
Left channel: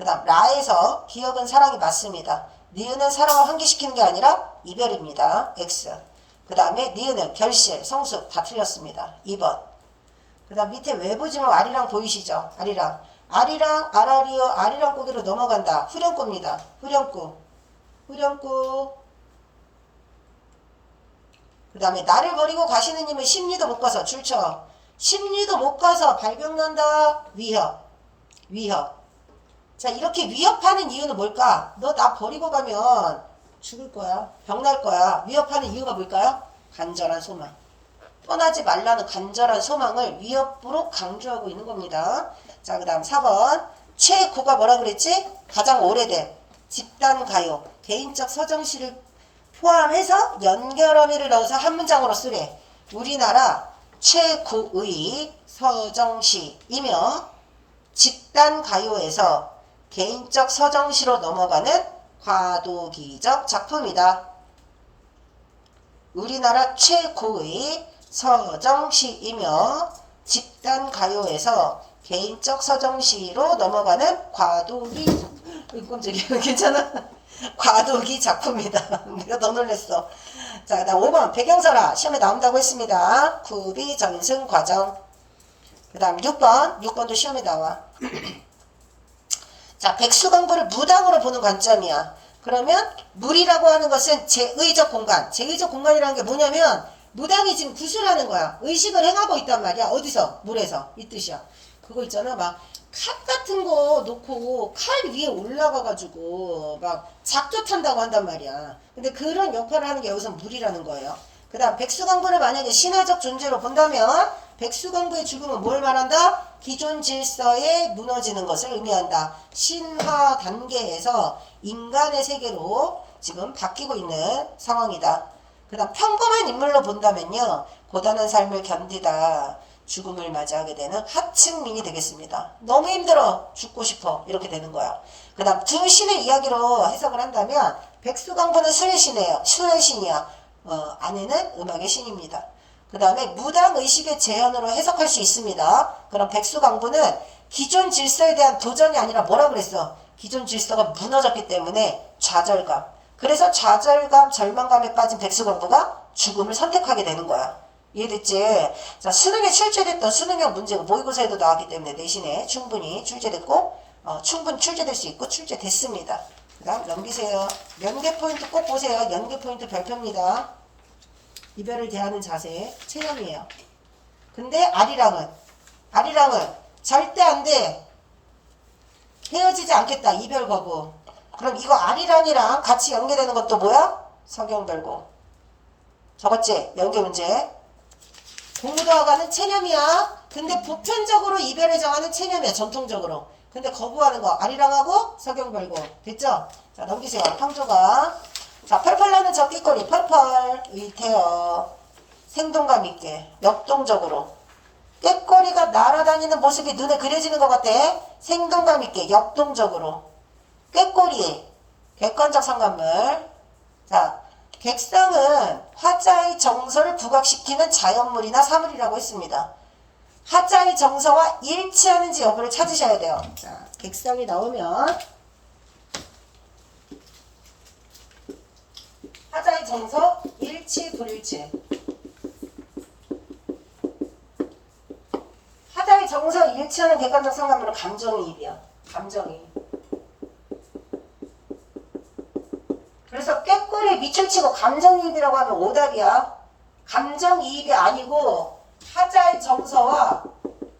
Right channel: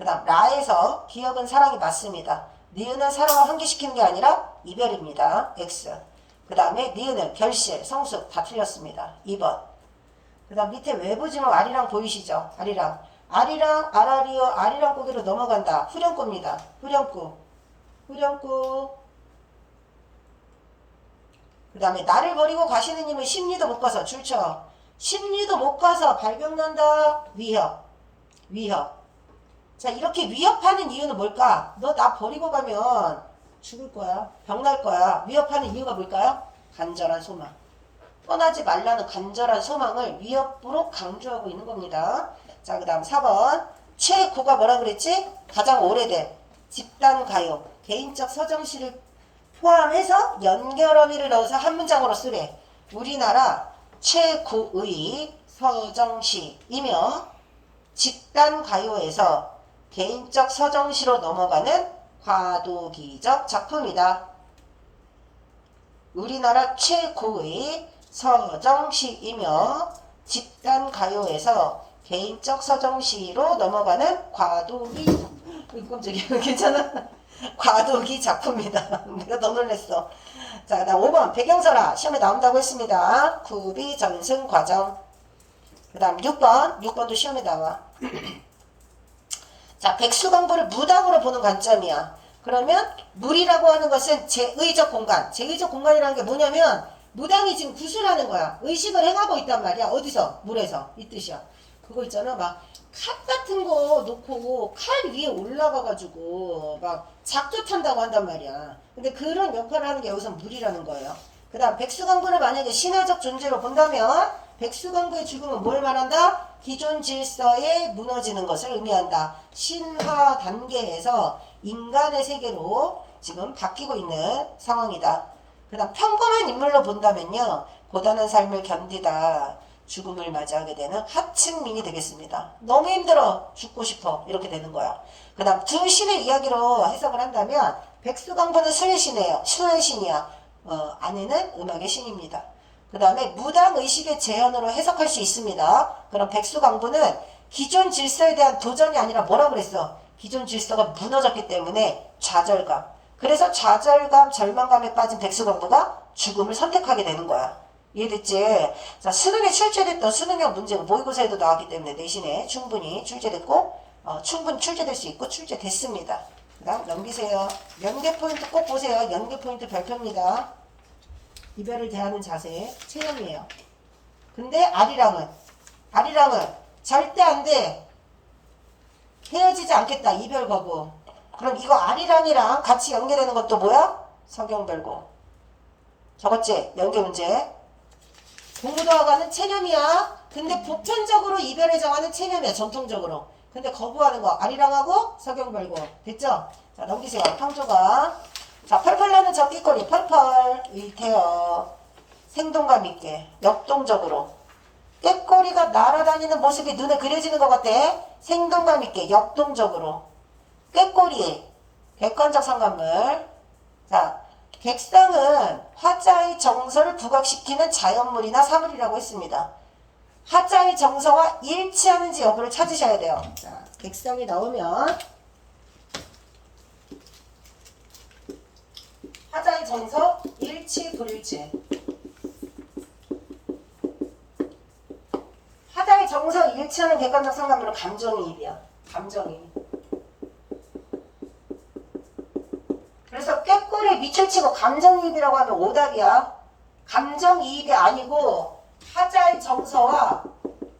그 다음 라에서 기억은 사랑이 맞습니다. 니은은 사랑을 환기시키는 게 아니라 이별입니다. X. 그 다음에 니은은 결실, 성숙 다 틀렸습니다. 2번. 그 다음 밑에 외부 지목 아리랑 보이시죠? 아리랑. 아리랑, 아라리어, 아리랑 고개로 넘어간다. 후렴구입니다. 후렴구. 후렴구. 그 다음에 나를 버리고 가시는 님은 심리도 못 가서 줄쳐. 심리도 못 가서 발병난다. 위협. 위협. 자, 이렇게 위협하는 이유는 뭘까? 너 나 버리고 가면 죽을 거야. 병날 거야. 위협하는 이유가 뭘까요? 간절한 소망. 떠나지 말라는 간절한 소망을 위협으로 강조하고 있는 겁니다. 자, 그 다음 4번. 최고가 뭐라 그랬지? 가장 오래된 집단 가요. 개인적 서정시를 포함해서 연결어미를 넣어서 한 문장으로 쓰래. 우리나라 최고의 서정시이며 집단 가요에서 개인적 서정시로 넘어가는 과도기적 작품이다. 우리나라 최고의 서정시이며 집단 가요에서 개인적 서정시로 넘어가는 과도기 깜짝이야. 괜찮아? 과도기 작품이다. 내가 더 놀랬어. 자, 그 다음 5번 배경설화 시험에 나온다고 했습니다. 구비 전승 과정. 그 다음 6번도 시험에 나와. 자, 백수광부를 무당으로 보는 관점이야. 그러면 물이라고 하는 것은 제의적 공간. 제의적 공간이라는 게 뭐냐면 무당이 지금 구술하는 거야. 의식을 행하고 있단 말이야. 어디서? 물에서. 이 뜻이야. 그거 있잖아. 막 칼 같은 거 놓고 칼 위에 올라가가지고 막 작두 탄다고 한단 말이야. 근데 그런 역할을 하는 게 여기서 물이라는 거예요. 그 다음 백수광부를 만약에 신화적 존재로 본다면 백수광부의 죽음은 뭘 말한다? 기존 질서에 무너지는 것을 의미한다. 신화 단계에서 인간의 세계로 지금 바뀌고 있는 상황이다. 그 다음 평범한 인물로 본다면요. 고단한 삶을 견디다 죽음을 맞이하게 되는 하층민이 되겠습니다. 너무 힘들어 죽고 싶어 이렇게 되는 거야. 그 다음 두 신의 이야기로 해석을 한다면 백수광부는 수의 신이에요. 수의 신이야. 아내는 음악의 신입니다. 그 다음에 무당의식의 재현으로 해석할 수 있습니다. 그럼 백수광부는 기존 질서에 대한 도전이 아니라 뭐라 그랬어? 기존 질서가 무너졌기 때문에 좌절감. 그래서 좌절감, 절망감에 빠진 백수광부가 죽음을 선택하게 되는 거야. 이해됐지? 자, 수능에 출제됐던 수능형 문제가 모의고사에도 나왔기 때문에 내신에 충분히 출제됐고 충분히 출제될 수 있고 출제됐습니다. 그 다음 넘기세요. 연계 포인트 꼭 보세요. 연계 포인트 별표입니다. 이별을 대하는 자세 체험이에요. 근데 아리랑은 절대 안 돼. 헤어지지 않겠다. 이별 거부. 그럼 이거 아리랑이랑 같이 연계되는 것도 뭐야? 성경별고. 적었지? 연계 문제. 공부도와가는 체념이야. 근데 보편적으로 이별에 정하는 체념이야. 전통적으로. 근데 거부하는 거 아리랑하고 서경별고. 됐죠? 자, 넘기세요. 평조가. 자, 펄펄 나는 적기거리 펄펄 의태어 생동감 있게 역동적으로 꾀꼬리가 날아다니는 모습이 눈에 그려지는 것 같아. 생동감 있게 역동적으로 꾀꼬리 객관적 상관물. 자, 객상은 화자의 정서를 부각시키는 자연물이나 사물이라고 했습니다. 화자의 정서와 일치하는지 여부를 찾으셔야 돼요. 자, 객상이 나오면 화자의 정서 일치 불일치. 화자의 정서 일치하는 객관적 상관물은 감정이입이야. 감정이입. 그래서 꾀꼬리에 밑을 치고 감정이입이라고 하면 오답이야. 감정이입이 아니고 화자의 정서와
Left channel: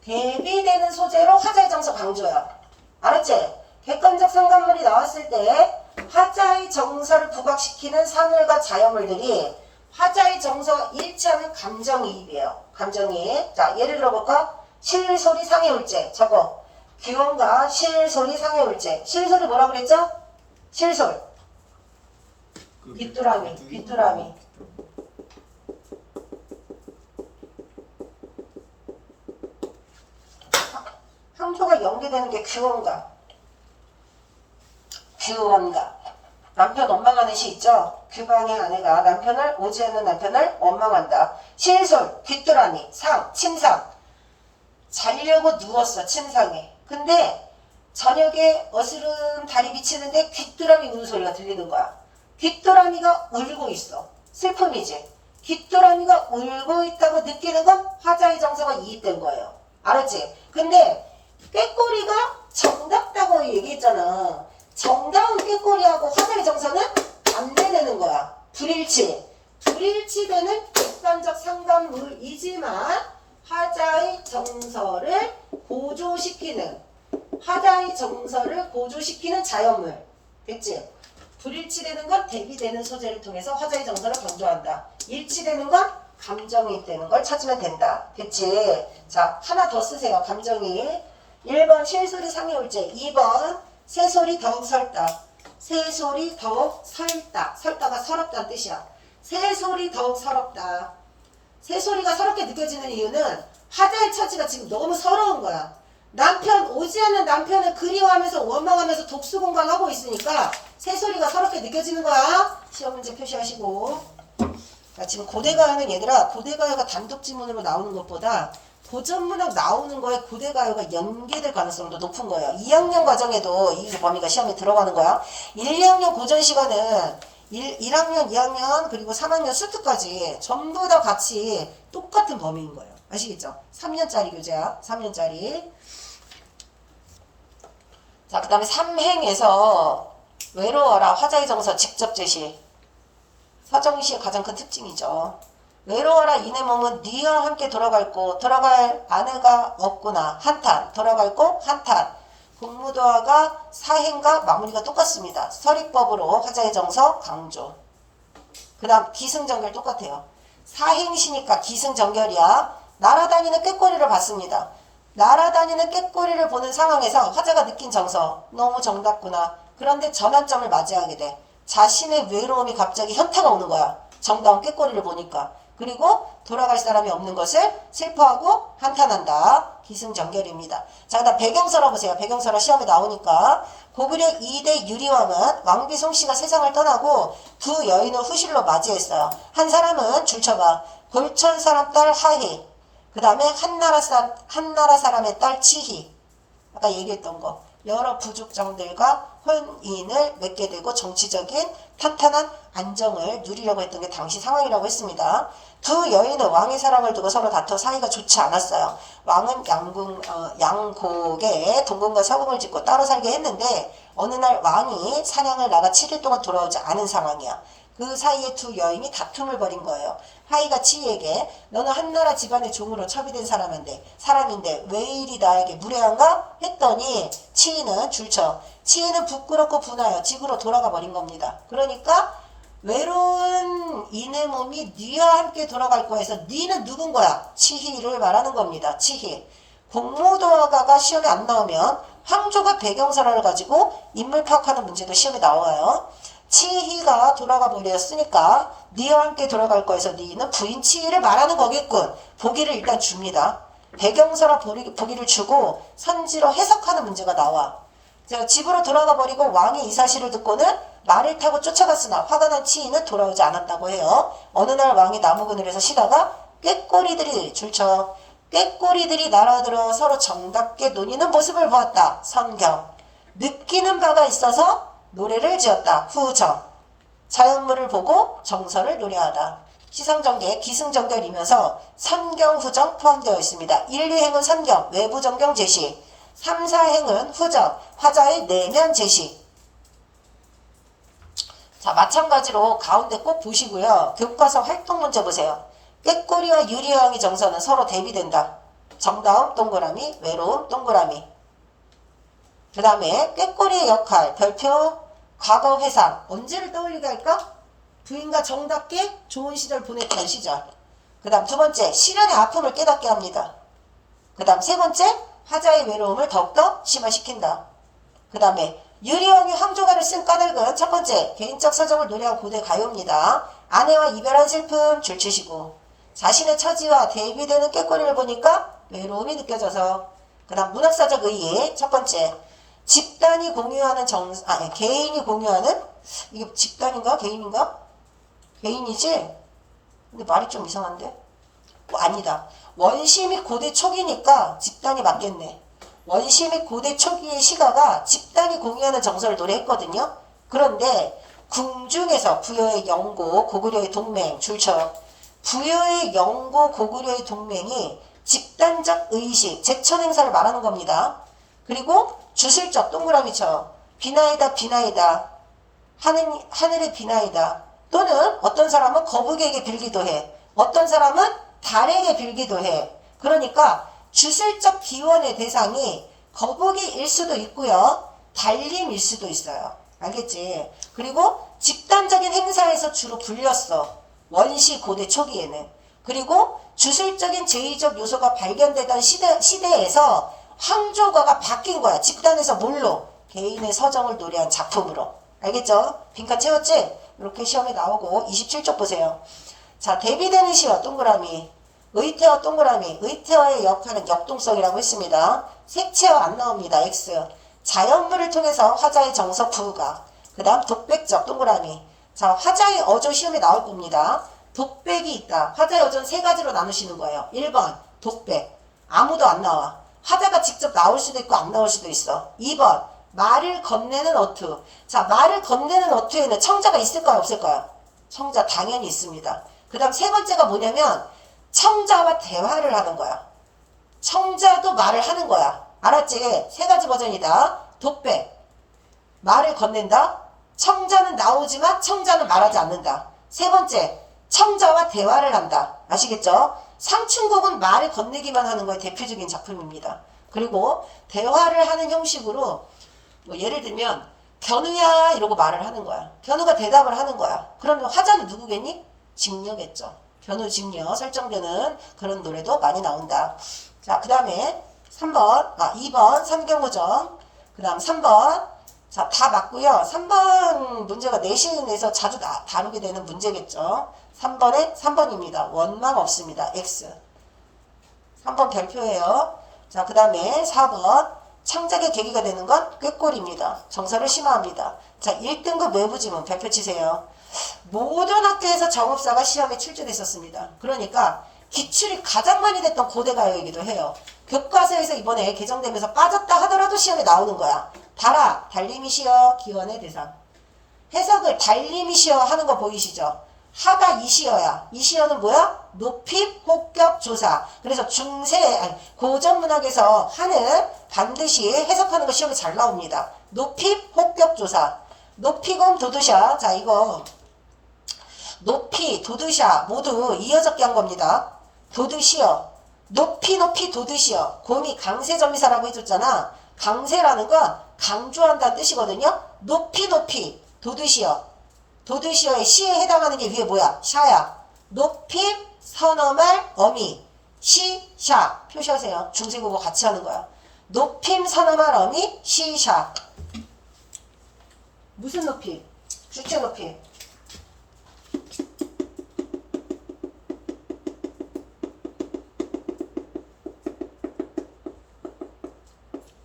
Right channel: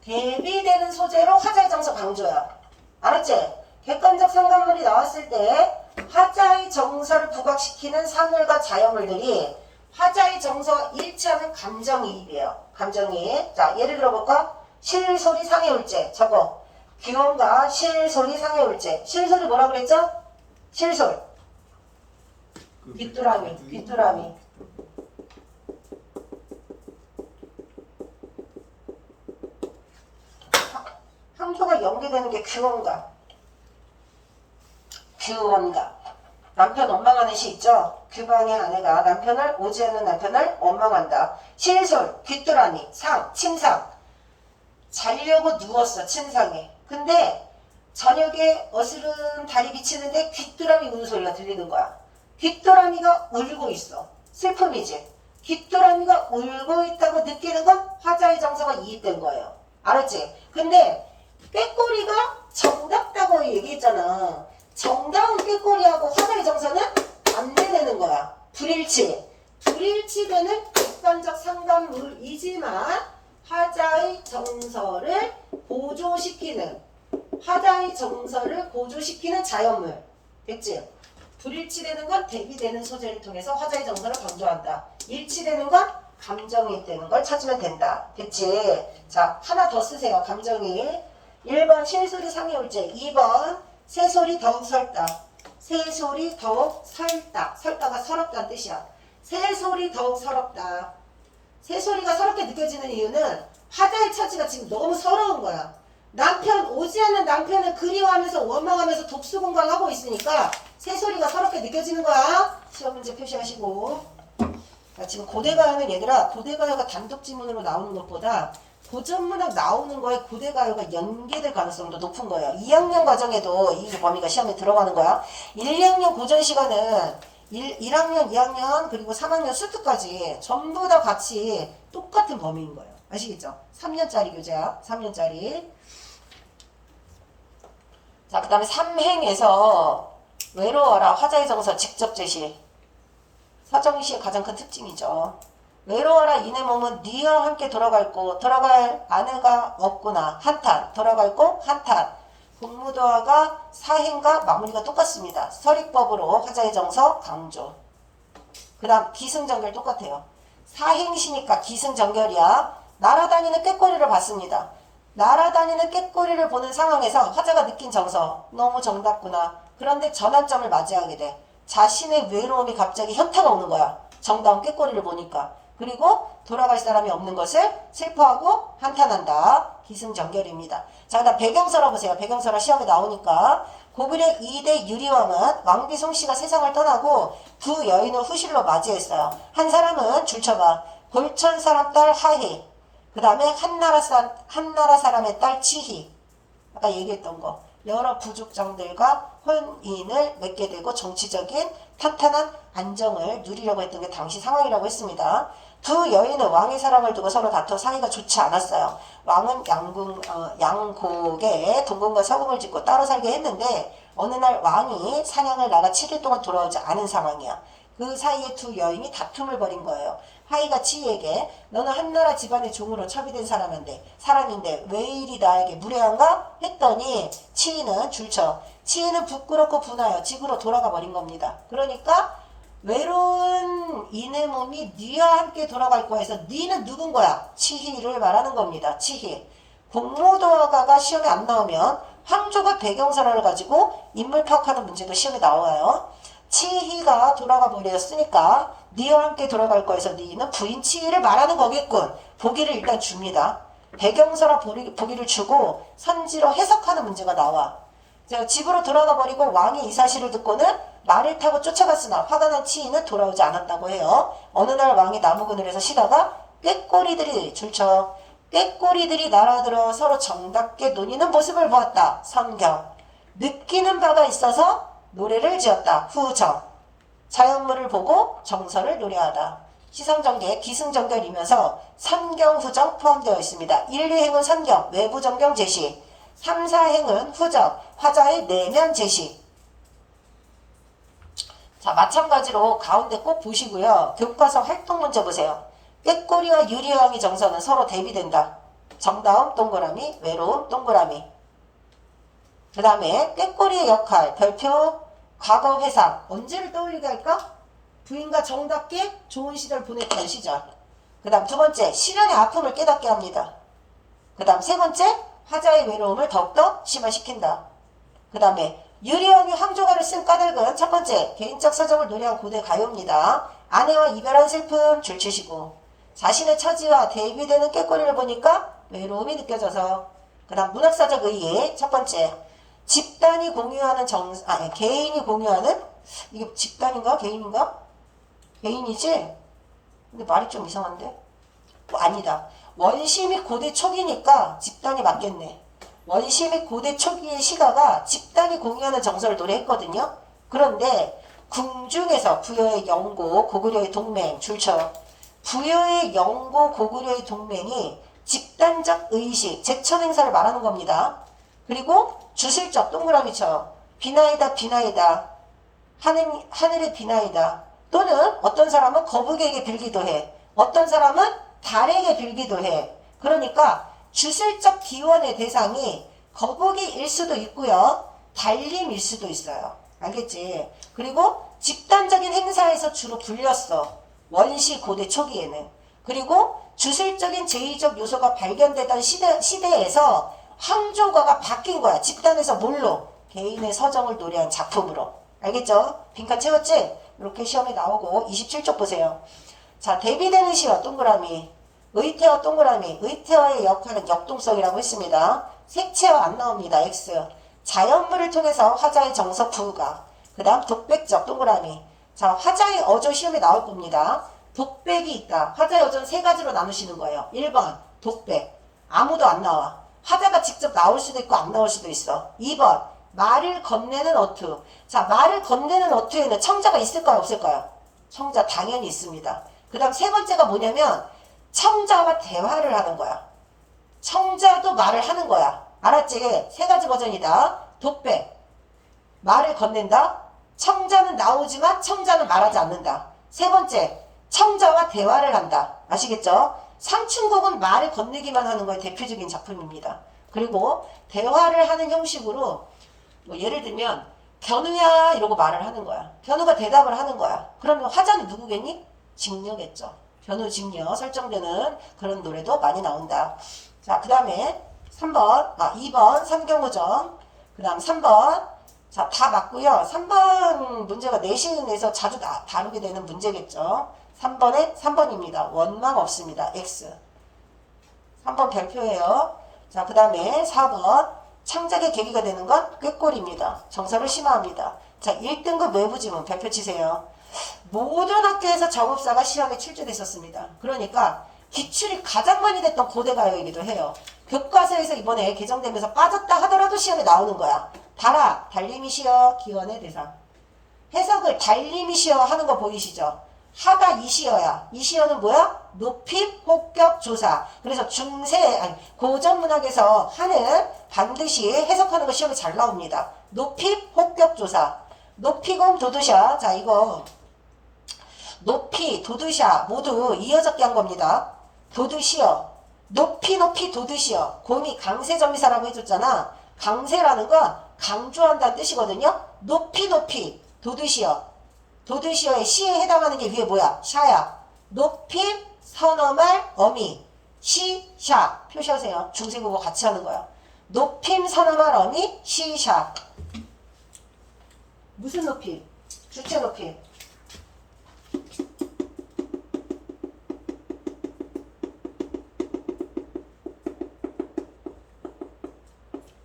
대비되는 소재로 화자의 정서 강조야. 알았지? 객관적 상관물이 나왔을 때 화자의 정서를 부각시키는 사물과 자연물들이 화자의 정서와 일치하는 감정이입이에요. 감정이입. 자, 예를 들어볼까? 실소리 상해울제. 저거. 기원과 실소리 상해울제. 실소리 뭐라 그랬죠? 실솔. 귀뚜라미. 귀뚜라미. 항조가 연계되는 게 귀원가. 귀원가. 남편 원망하는 시 있죠? 규방의 아내가 남편을 오지 않는 남편을 원망한다. 실솔, 귀뚜라미, 상, 침상. 자려고 누웠어. 침상에. 근데 저녁에 어스름 달이 비치는데 귀뚜라미 우는 소리가 들리는 거야. 귀뚜라미가 울고 있어. 슬픔이지. 귀뚜라미가 울고 있다고 느끼는 건 화자의 정서가 이입된 거예요. 알았지? 근데 꾀꼬리가 정답다고 얘기했잖아. 정다운 꾀꼬리하고 화자의 정서는 반대되는 거야. 불일치. 불일치되는 객관적 상관물이지만 화자의 정서를 고조시키는 자연물. 됐지? 불일치되는 건 대비되는 소재를 통해서 화자의 정서를 강조한다. 일치되는 건 감정이입되는 걸 찾으면 된다. 됐지? 자, 하나 더 쓰세요. 감정이입. 1번 실소리 상해올제. 2번 새소리 더욱 설다. 새소리 더욱 설다. 설다가 서럽다는 뜻이야. 새소리 더욱 서럽다. 새소리가 서럽게 느껴지는 이유는 화자의 처지가 지금 너무 서러운 거야. 오지 않는 남편을 그리워하면서 원망하면서 독수공강하고 있으니까 새소리가 서럽게 느껴지는 거야. 시험 문제 표시하시고. 그러니까 지금 고대가요는 얘들아, 고대가요가 단독 지문으로 나오는 것보다 고전문학 나오는 거에 고대가요가 연계될 가능성도 높은 거예요. 2학년 과정에도 이 범위가 시험에 들어가는 거야. 1, 2학년 고전 시간은 1학년, 2학년, 그리고 3학년 수트까지 전부 다 같이 똑같은 범위인 거예요. 아시겠죠? 3년짜리 교재야. 3년짜리. 자, 그 다음에 3행에서 외로워라 화자의 정서 직접 제시. 서정시의 가장 큰 특징이죠. 외로워라 이내 몸은 니와 함께 돌아갈 아내가 없구나. 한탄. 돌아갈 곳 한탄. 공무도화가 사행과 마무리가 똑같습니다. 서리법으로 화자의 정서 강조. 그 다음 기승전결 똑같아요. 사행시니까 기승전결이야. 날아다니는 꾀꼬리를 봤습니다. 날아다니는 꾀꼬리를 보는 상황에서 화자가 느낀 정서 너무 정답구나. 그런데 전환점을 맞이하게 돼. 자신의 외로움이 갑자기 현타가 오는 거야. 정다운 꾀꼬리를 보니까. 그리고 돌아갈 사람이 없는 것을 슬퍼하고 한탄한다. 기승전결입니다. 자, 그 다음 배경설화 보세요. 배경설화 시험에 나오니까. 고구려 2대 유리왕은 왕비 송씨가 세상을 떠나고 두 여인을 후실로 맞이했어요. 한 사람은 줄쳐봐. 골천 사람 딸 하희. 그 다음에 한나라 사람의 딸 치희. 아까 얘기했던 거. 여러 부족장들과 혼인을 맺게 되고 정치적인 탄탄한 안정을 누리려고 했던 게 당시 상황이라고 했습니다. 두 여인은 왕의 사랑을 두고 서로 다퉈 사이가 좋지 않았어요. 왕은 양곡에 동궁과 서궁을 짓고 따로 살게 했는데 어느 날 왕이 사냥을 나가 7일 동안 돌아오지 않은 상황이야. 그 사이에 두 여인이 다툼을 벌인 거예요. 하이가 치이에게 너는 한나라 집안의 종으로 첩이된 사람인데 왜 이리 나에게 무례한가? 했더니 치이는 줄쳐. 치이는 부끄럽고 분하여 집으로 돌아가 버린 겁니다. 그러니까 외로운 이내 몸이 니와 함께 돌아갈 거야 해서 니는 누군 거야? 치희를 말하는 겁니다. 치희. 공무도화가가 시험에 안 나오면 황조가 배경설화를 가지고 인물 파악하는 문제도 시험에 나와요. 치희가 돌아가 버렸으니까 니와 함께 돌아갈 거에서 니는 부인 치희를 말하는 거겠군. 보기를 일단 줍니다. 배경설화 보기를 주고 선지로 해석하는 문제가 나와. 집으로 돌아가 버리고 왕이 이 사실을 듣고는 말을 타고 쫓아갔으나 화가 난 치이는 돌아오지 않았다고 해요. 어느 날 왕이 나무 그늘에서 쉬다가 꾀꼬리들이 줄쳐. 꾀꼬리들이 날아들어 서로 정답게 논의는 모습을 보았다. 선경. 느끼는 바가 있어서 노래를 지었다. 후정. 자연물을 보고 정서를 노래하다. 시상정계, 기승전결이면서 선경, 후정 포함되어 있습니다. 1, 2행은 선경, 외부 정경 제시. 3, 4행은 후정, 화자의 내면 제시. 자, 마찬가지로 가운데 꼭 보시고요. 교과서 활동 문제 보세요. 꾀꼬리와 유리왕의 정서는 서로 대비된다. 정다움 동그라미, 외로움 동그라미. 그 다음에 꾀꼬리의 역할, 별표, 과거 회상. 언제를 떠올리게 할까? 부인과 정답게 좋은 시절 보냈던 시절. 그 다음 두 번째, 시련의 아픔을 깨닫게 합니다. 그 다음 세 번째, 화자의 외로움을 더욱더 심화시킨다. 그 다음에 유리왕이 황조가를 쓴 까닭은 첫 번째, 개인적 사정을 노래한 고대 가요입니다. 아내와 이별한 슬픔 줄치시고 자신의 처지와 대비되는 꾀꼬리를 보니까 외로움이 느껴져서. 그 다음 문학사적 의의 첫 번째, 집단이 공유하는 개인이 공유하는, 이게 집단인가 개인인가? 개인이지? 근데 말이 좀 이상한데? 아니다. 원심이 고대 초기니까 집단이 맞겠네. 원시 및 고대 초기의 시가가 집단이 공유하는 정서를 노래했거든요. 그런데 궁중에서 부여의 영고, 고구려의 동맹, 줄쳐요. 부여의 영고, 고구려의 동맹이 집단적 의식, 제천 행사를 말하는 겁니다. 그리고 주술적 동그라미 쳐. 비나이다, 비나이다. 하늘의 비나이다. 또는 어떤 사람은 거북에게 빌기도 해. 어떤 사람은 달에게 빌기도 해. 그러니까 주술적 기원의 대상이 거북이일 수도 있고요. 달림일 수도 있어요. 알겠지? 그리고 집단적인 행사에서 주로 불렸어. 원시 고대 초기에는. 그리고 주술적인 제의적 요소가 발견되던 시대에서 황조가가 바뀐 거야. 집단에서 뭘로? 개인의 서정을 노래한 작품으로. 알겠죠? 빈칸 채웠지? 이렇게 시험에 나오고 27쪽 보세요. 자, 대비되는 시어 동그라미. 의태어 동그라미. 의태어의 역할은 역동성이라고 했습니다. 색채어 안 나옵니다. X. 자연물을 통해서 화자의 정서 부가. 그 다음 독백적 동그라미. 자, 화자의 어조 시험에 나올 겁니다. 독백이 있다. 화자의 어조는 세 가지로 나누시는 거예요. 1번 독백. 아무도 안 나와. 화자가 직접 나올 수도 있고 안 나올 수도 있어. 2번 말을 건네는 어투. 자, 말을 건네는 어투에는 청자가 있을까요? 없을까요? 청자 당연히 있습니다. 그 다음 세 번째가 뭐냐면 청자와 대화를 하는 거야. 청자도 말을 하는 거야. 알았지? 세 가지 버전이다. 독백. 말을 건넨다. 청자는 나오지만 청자는 말하지 않는다. 세 번째, 청자와 대화를 한다. 아시겠죠? 상춘곡은 말을 건네기만 하는 거에 대표적인 작품입니다. 그리고 대화를 하는 형식으로 뭐 예를 들면 견우야 이러고 말을 하는 거야. 견우가 대답을 하는 거야. 그러면 화자는 누구겠니? 직녀겠죠. 견우 직녀 설정되는 그런 노래도 많이 나온다. 자, 그 다음에 2번 삼경우정. 그 다음 3번. 자, 다 맞고요. 3번 문제가 내신에서 자주 다루게 되는 문제겠죠. 3번입니다. 원망 없습니다. X. 3번 별표예요. 자, 그 다음에 4번. 창작의 계기가 되는 건 꾀꼬리입니다. 정서를 심화합니다. 자, 1등급 외부지문 별표 치세요. 모든 학교에서 정읍사가 시험에 출제됐었습니다. 그러니까 기출이 가장 많이 됐던 고대가요이기도 해요. 교과서에서 이번에 개정되면서 빠졌다 하더라도 시험에 나오는 거야. 달아, 달림이시여, 기원의 대상. 해석을 달림이시여 하는 거 보이시죠? 하가 이시여야. 이시여는 뭐야? 높임, 혹격, 조사. 그래서 고전문학에서 하는 반드시 해석하는 거 시험에 잘 나옵니다. 높임, 혹격, 조사. 높이공, 도드샤. 자, 이거 높이, 도드샤 모두 이어적기 한 겁니다. 도드시여. 높이, 도드시여. 곰이 강세점이사라고 해줬잖아. 강세라는 건 강조한다는 뜻이거든요. 높이, 도드시여. 도드시어의 시에 해당하는 게 위에 뭐야? 샤야. 높임, 선어말, 어미. 시, 샤. 표시하세요. 중세국어 같이 하는 거야. 높임, 선어말, 어미, 시, 샤. 무슨 높임? 주체 높임.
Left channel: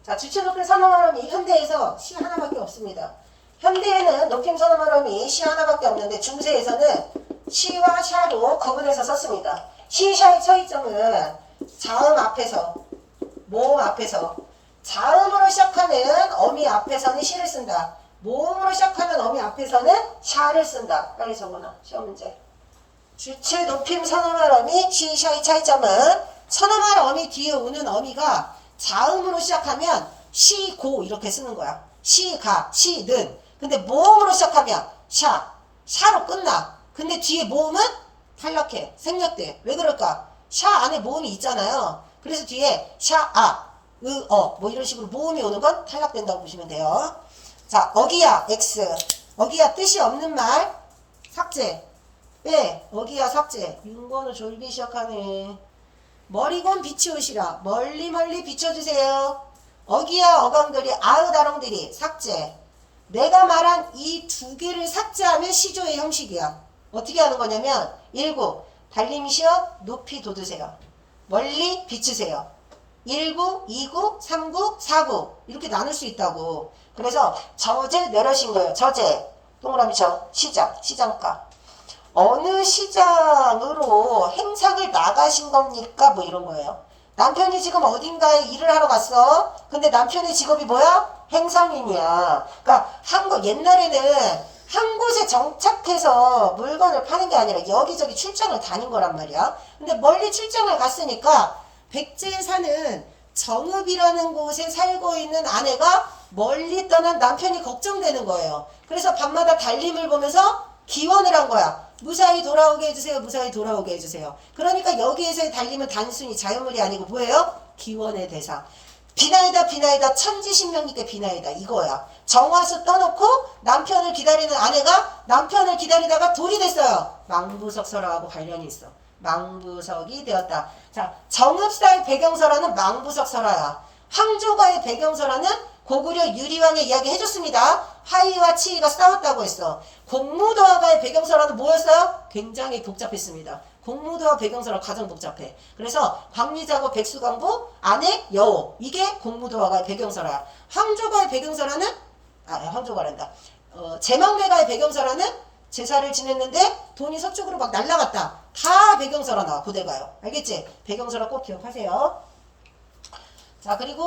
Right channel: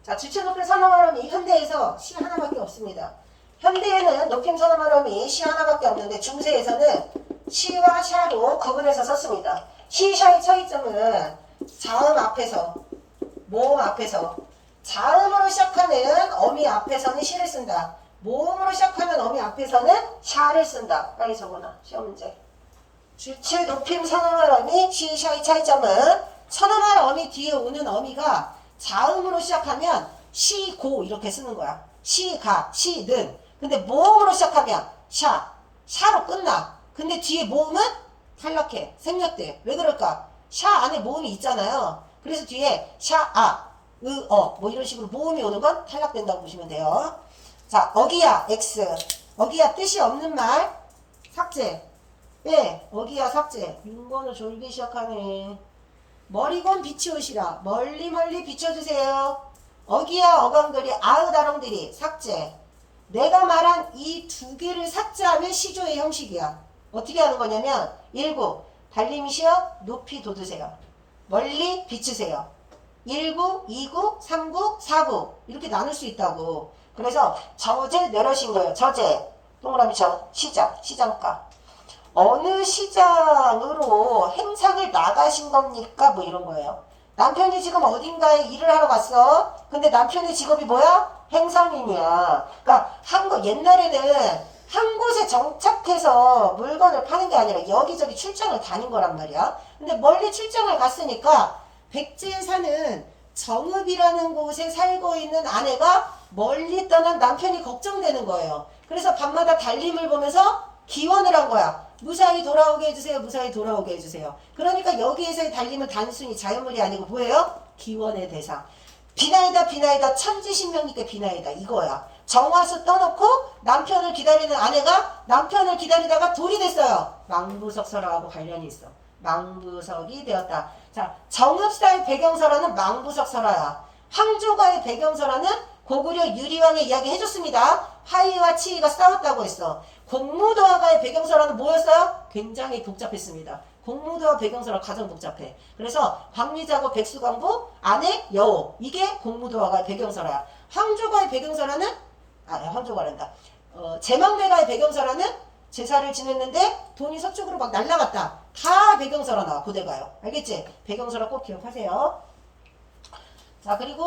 자, 주체 높임, 선어말, 어미. 현대에서 시 하나밖에 없습니다. 현대에는 높임, 선어말, 어미 시 하나밖에 없는데 중세에서는 시와 샤로 구분해서 썼습니다. 시, 샤의 차이점은 자음 앞에서, 모음 앞에서, 자음으로 시작하는 어미 앞에서는 시를 쓴다. 모음으로 시작하는 어미 앞에서는 샤를 쓴다. 빨리 적어놔. 시험 문제. 주체, 높임, 선어말, 어미, 시, 샤의 차이점은 선어말, 어미 뒤에 오는 어미가 자음으로 시작하면 시, 고 이렇게 쓰는 거야. 시, 가, 시, 는. 근데 모음으로 시작하면 샤로 끝나. 근데 뒤에 모음은 탈락해. 생략돼. 왜 그럴까? 샤 안에 모음이 있잖아요. 그래서 뒤에 샤, 뭐 이런 식으로 모음이 오는 건 탈락된다고 보시면 돼요. 자, 어기야, X. 어기야, 뜻이 없는 말, 삭제. 빼, 어기야, 삭제. 6번을 졸기 시작하네. 머리곤 비치우시라. 멀리 비춰주세요. 어기야, 어강들이, 아으다롱들이, 삭제. 내가 말한 이 두 개를 삭제하면 시조의 형식이야. 어떻게 하는 거냐면 19. 달림이시여 높이 돋으세요. 멀리 비추세요. 19, 29, 39, 49 이렇게 나눌 수 있다고. 그래서 저제 내려신 거예요. 저제 동그라미 저 시장가. 어느 시장으로 행사를 나가신 겁니까? 뭐 이런 거예요. 남편이 지금 어딘가에 일을 하러 갔어. 근데 남편의 직업이 뭐야? 행상인이야. 그러니까 옛날에는 한 곳에 정착해서 물건을 파는 게 아니라 여기저기 출장을 다닌 거란 말이야. 근데 멀리 출장을 갔으니까 백제에 사는 정읍이라는 곳에 살고 있는 아내가 멀리 떠난 남편이 걱정되는 거예요. 그래서 밤마다 달림을 보면서 기원을 한 거야. 무사히 돌아오게 해주세요. 무사히 돌아오게 해주세요. 그러니까 여기에서의 달림은 단순히 자연물이 아니고 뭐예요? 기원의 대상. 비나이다 비나이다 천지신명님께 비나이다 이거야. 정화수 떠놓고 남편을 기다리는 아내가 남편을 기다리다가 돌이 됐어요. 망부석설하고 관련이 있어. 망부석이 되었다. 자, 정읍사의 배경설화는 망부석설화야. 황조가의 배경설화는 고구려 유리왕의 이야기 해줬습니다. 하이와 치이가 싸웠다고 했어. 공무도화가의 배경설화는 뭐였어요? 굉장히 복잡했습니다. 공무도화 배경설화 가장 복잡해. 그래서 박미자고 백수광부 아내 여호 이게 공무도화가의 배경설화. 황조가의 배경설화는 황조가란다. 제망대가의 배경설화는 제사를 지냈는데 돈이 서쪽으로 막 날라갔다. 다 배경설화 나와. 고대가요. 알겠지? 배경설화 꼭 기억하세요. 자, 그리고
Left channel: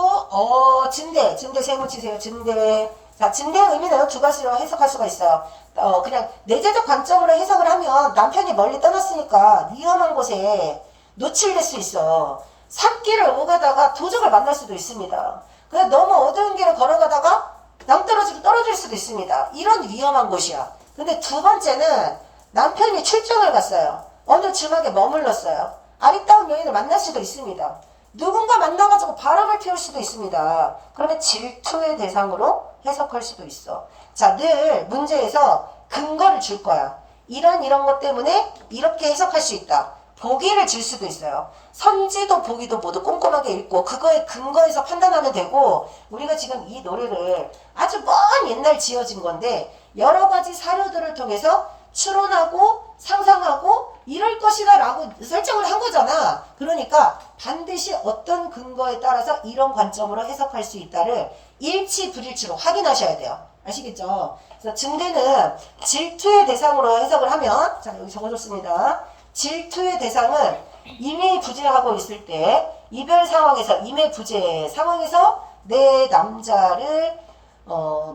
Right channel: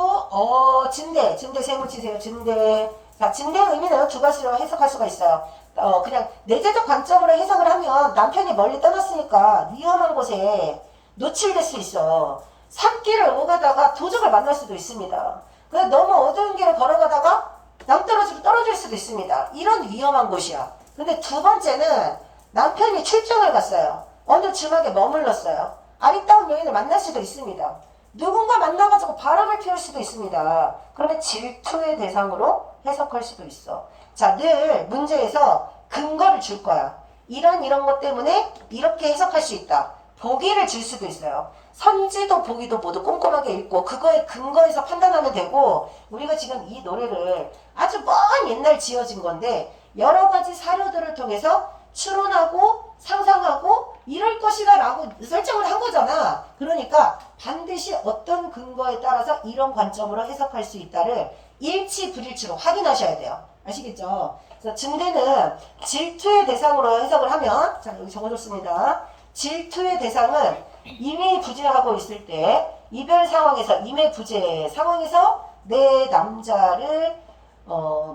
진대 세모 치세요. 진대. 자, 진대의 의미는 두 가지로 해석할 수가 있어요. 그냥 내재적 관점으로 해석을 하면 남편이 멀리 떠났으니까 위험한 곳에 노출될 수 있어. 산길을 오가다가 도적을 만날 수도 있습니다. 그래서 너무 어두운 길을 걸어가다가 남떨어지게 떨어질 수도 있습니다. 이런 위험한 곳이야. 근데 두 번째는 남편이 출장을 갔어요. 어느 지막에 머물렀어요. 아리따운 여인을 만날 수도 있습니다. 누군가 만나가지고 바람을 피울 수도 있습니다. 그러면 질투의 대상으로 해석할 수도 있어. 자, 늘 문제에서 근거를 줄 거야. 이런 것 때문에 이렇게 해석할 수 있다. 보기를 줄 수도 있어요. 선지도 보기도 모두 꼼꼼하게 읽고 그거에 근거해서 판단하면 되고, 우리가 지금 이 노래를 아주 먼 옛날 지어진 건데 여러 가지 사료들을 통해서 추론하고 상상하고 이럴 것이다 라고 설정을 한 거잖아. 그러니까 반드시 어떤 근거에 따라서 이런 관점으로 해석할 수 있다를 일치 불일치로 확인하셔야 돼요. 아시겠죠? 그래서 증대는 질투의 대상으로 해석을 하면, 자, 여기 적어줬습니다. 질투의 대상은 임의부재하고 있을 때 이별 상황에서 임의부재 상황에서 내 남자를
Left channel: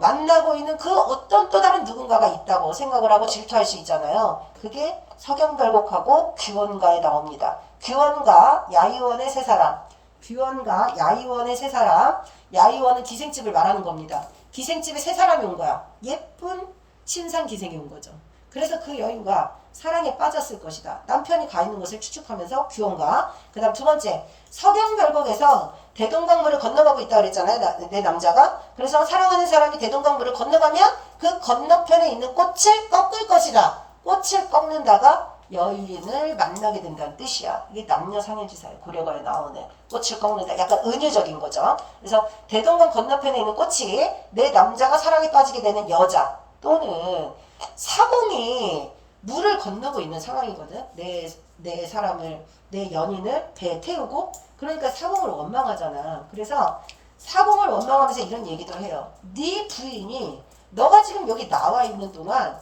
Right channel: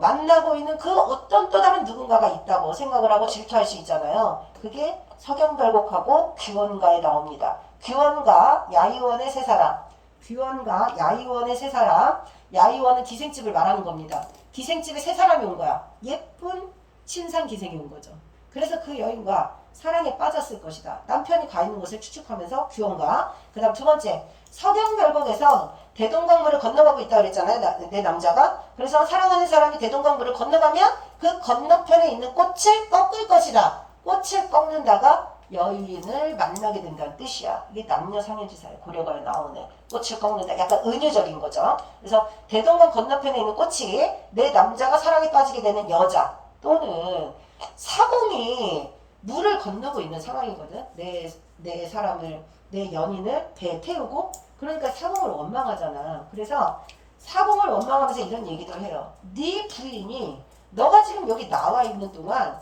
만나고 있는 그 어떤 또 다른 누군가가 있다고 생각을 하고 질투할 수 있잖아요. 그게 석영별곡하고 규원가에 나옵니다. 규원가 야의원의 세 사람. 규원가 야의원의 세 사람. 야의원은 기생집을 말하는 겁니다. 기생집에 세 사람이 온 거야. 예쁜 신상 기생이 온 거죠. 그래서 그 여인과 사랑에 빠졌을 것이다. 남편이 가 있는 곳을 추측하면서 규원가. 그 다음 두 번째, 석영별곡에서 대동강물을 건너가고 있다고 그랬잖아요. 내 남자가. 그래서 사랑하는 사람이 대동강물을 건너가면 그 건너편에 있는 꽃을 꺾을 것이다. 꽃을 꺾는다가 여인을 만나게 된다는 뜻이야. 이게 남녀상해지사예요. 고려가에 나오네. 꽃을 꺾는다. 약간 은유적인 거죠. 그래서 대동강 건너편에 있는 꽃이 내 남자가 사랑에 빠지게 되는 여자 또는 사공이 물을 건너고 있는 상황이거든. 내 사람을, 내 연인을 배에 태우고, 그러니까 사공을 원망하잖아. 그래서 사공을 원망하면서 이런 얘기도 해요. 네 부인이 너가 지금 여기 나와 있는 동안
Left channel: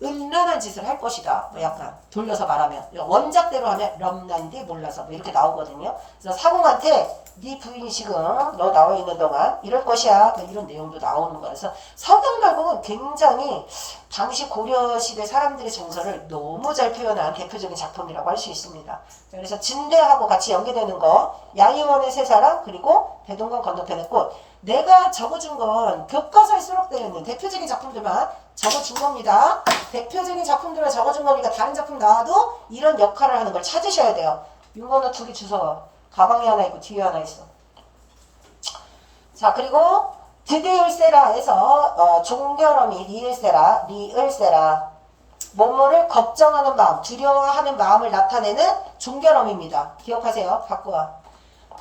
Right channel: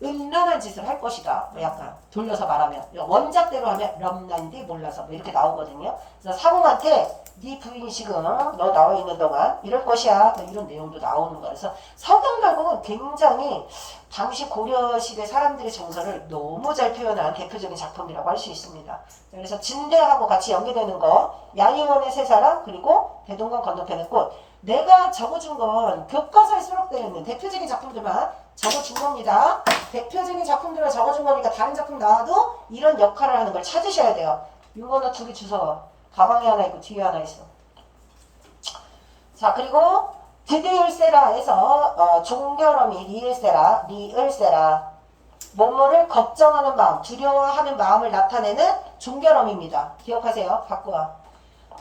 음란한 짓을 할 것이다. 뭐 약간 돌려서 말하면 원작대로 하면 럼난디 몰라서 뭐 이렇게 나오거든요. 그래서 사공한테 네 부인이 지금 너 나와 있는 동안 이럴 것이야. 뭐 이런 내용도 나오는 거야. 그래서 석영별곡은 굉장히 당시 고려시대 사람들의 정서를 너무 잘 표현한 대표적인 작품이라고 할 수 있습니다. 그래서 진대하고 같이 연계되는 거 야의원의 세 사람 그리고 대동강 건너편의 꽃. 내가 적어준 건 교과서에 수록되어 있는 대표적인 작품들만 적어준 겁니다. 대표적인 작품들을 적어준 거니까 다른 작품 나와도 이런 역할을 하는 걸 찾으셔야 돼요. 이거는 두 개 주워. 가방에 하나 있고 뒤에 하나 있어. 자, 그리고 드디을세라에서 종결어미 리을세라 뭐뭐를 걱정하는 마음, 두려워하는 마음을 나타내는 종결어미입니다. 기억하세요. 바꾸어.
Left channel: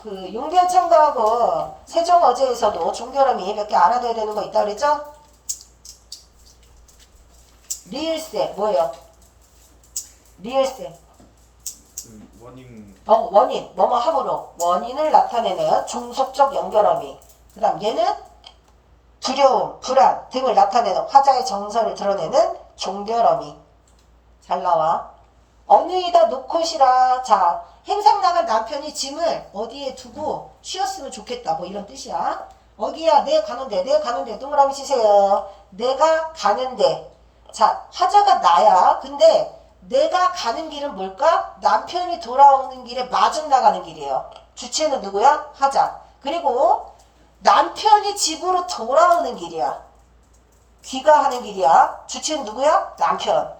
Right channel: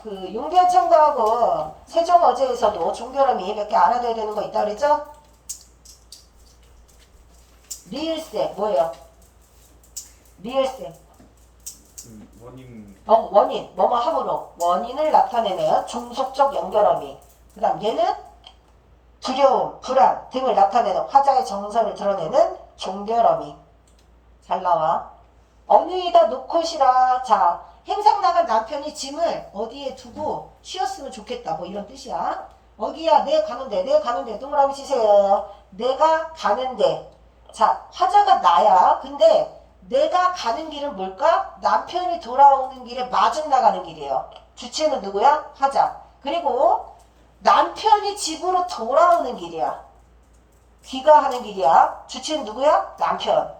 그 용대천가하고 세종어제에서도 종결어미 몇 개 알아둬야 되는 거 있다 그랬죠? 리을세 뭐예요? 리을세 원인 뭐뭐 함으로 원인을 나타내는 중속적 연결어미. 그 다음 얘는 두려움, 불안 등을 나타내는 화자의 정서를 드러내는 종결어미. 잘 나와. 어느이다 놓고시라. 자, 행상 나간 남편이 짐을 어디에 두고 쉬었으면 좋겠다. 뭐 이런 뜻이야. 어기야, 내 가는데, 동그라미 치세요. 내가 가는데. 자, 화자가 나야. 근데 내가 가는 길은 뭘까? 남편이 돌아오는 길에 마중 나가는 길이에요. 주체는 누구야? 화자. 그리고 남편이 집으로 돌아오는 길이야. 귀가하는 길이야. 주체는 누구야? 남편.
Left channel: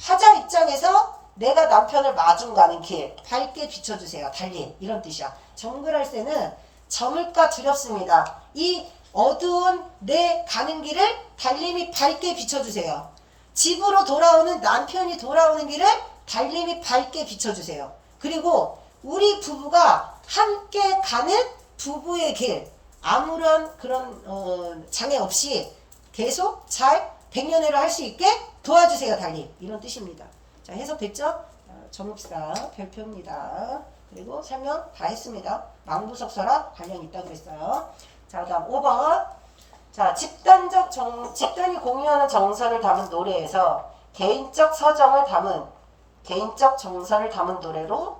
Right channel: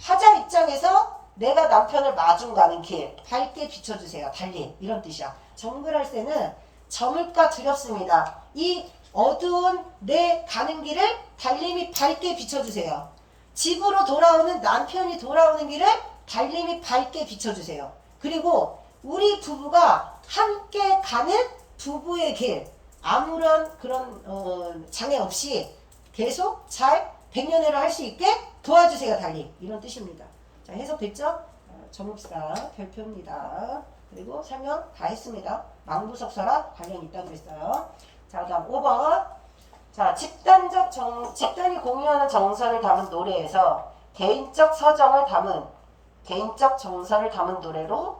화자 입장에서 내가 남편을 마중 가는 길 밝게 비춰주세요. 달린 이런 뜻이야. 정글할 때는 저물가 두렵습니다. 이 어두운 내 가는 길을 달림이 밝게 비춰주세요. 집으로 돌아오는 남편이 돌아오는 길을 달림이 밝게 비춰주세요. 그리고 우리 부부가 함께 가는 부부의 길 아무런 그런 장애 없이 계속 잘 백년해를 할 수 있게 도와주세요. 달림 이런 뜻입니다. 자, 해석됐죠? 전읍사 별표입니다. 그리고 설명 다 했습니다. 망부석서랑 관련 있다고 그랬어요. 자, 다음 5번. 자, 집단이 공유하는 정서를 담은 노래에서 개인적 정서를 담은 노래로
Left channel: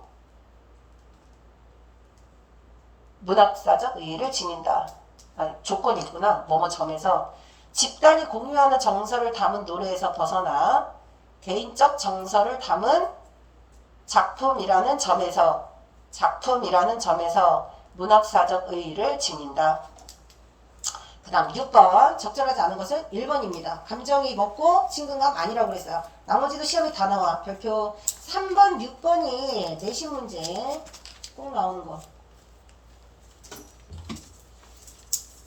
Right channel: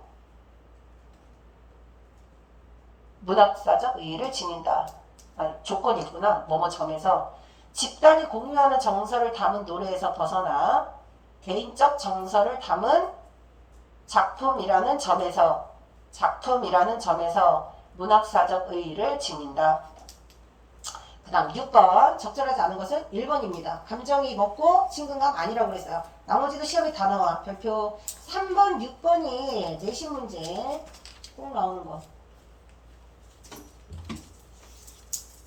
문학사적 의의를 지닌다. 조건이 있구나. 뭐뭐 점에서 집단이 공유하는 정서를 담은 노래에서 벗어나 개인적 정서를 담은 작품이라는 점에서 문학사적 의의를 지닌다. 그 다음 6번 적절하지 않은 것은 1번입니다. 감정이 먹고 친근감 아니라고 그랬어요. 나머지도 시험에 다 나와. 별표 3번, 6번이 내신 문제 꼭 나오는 거.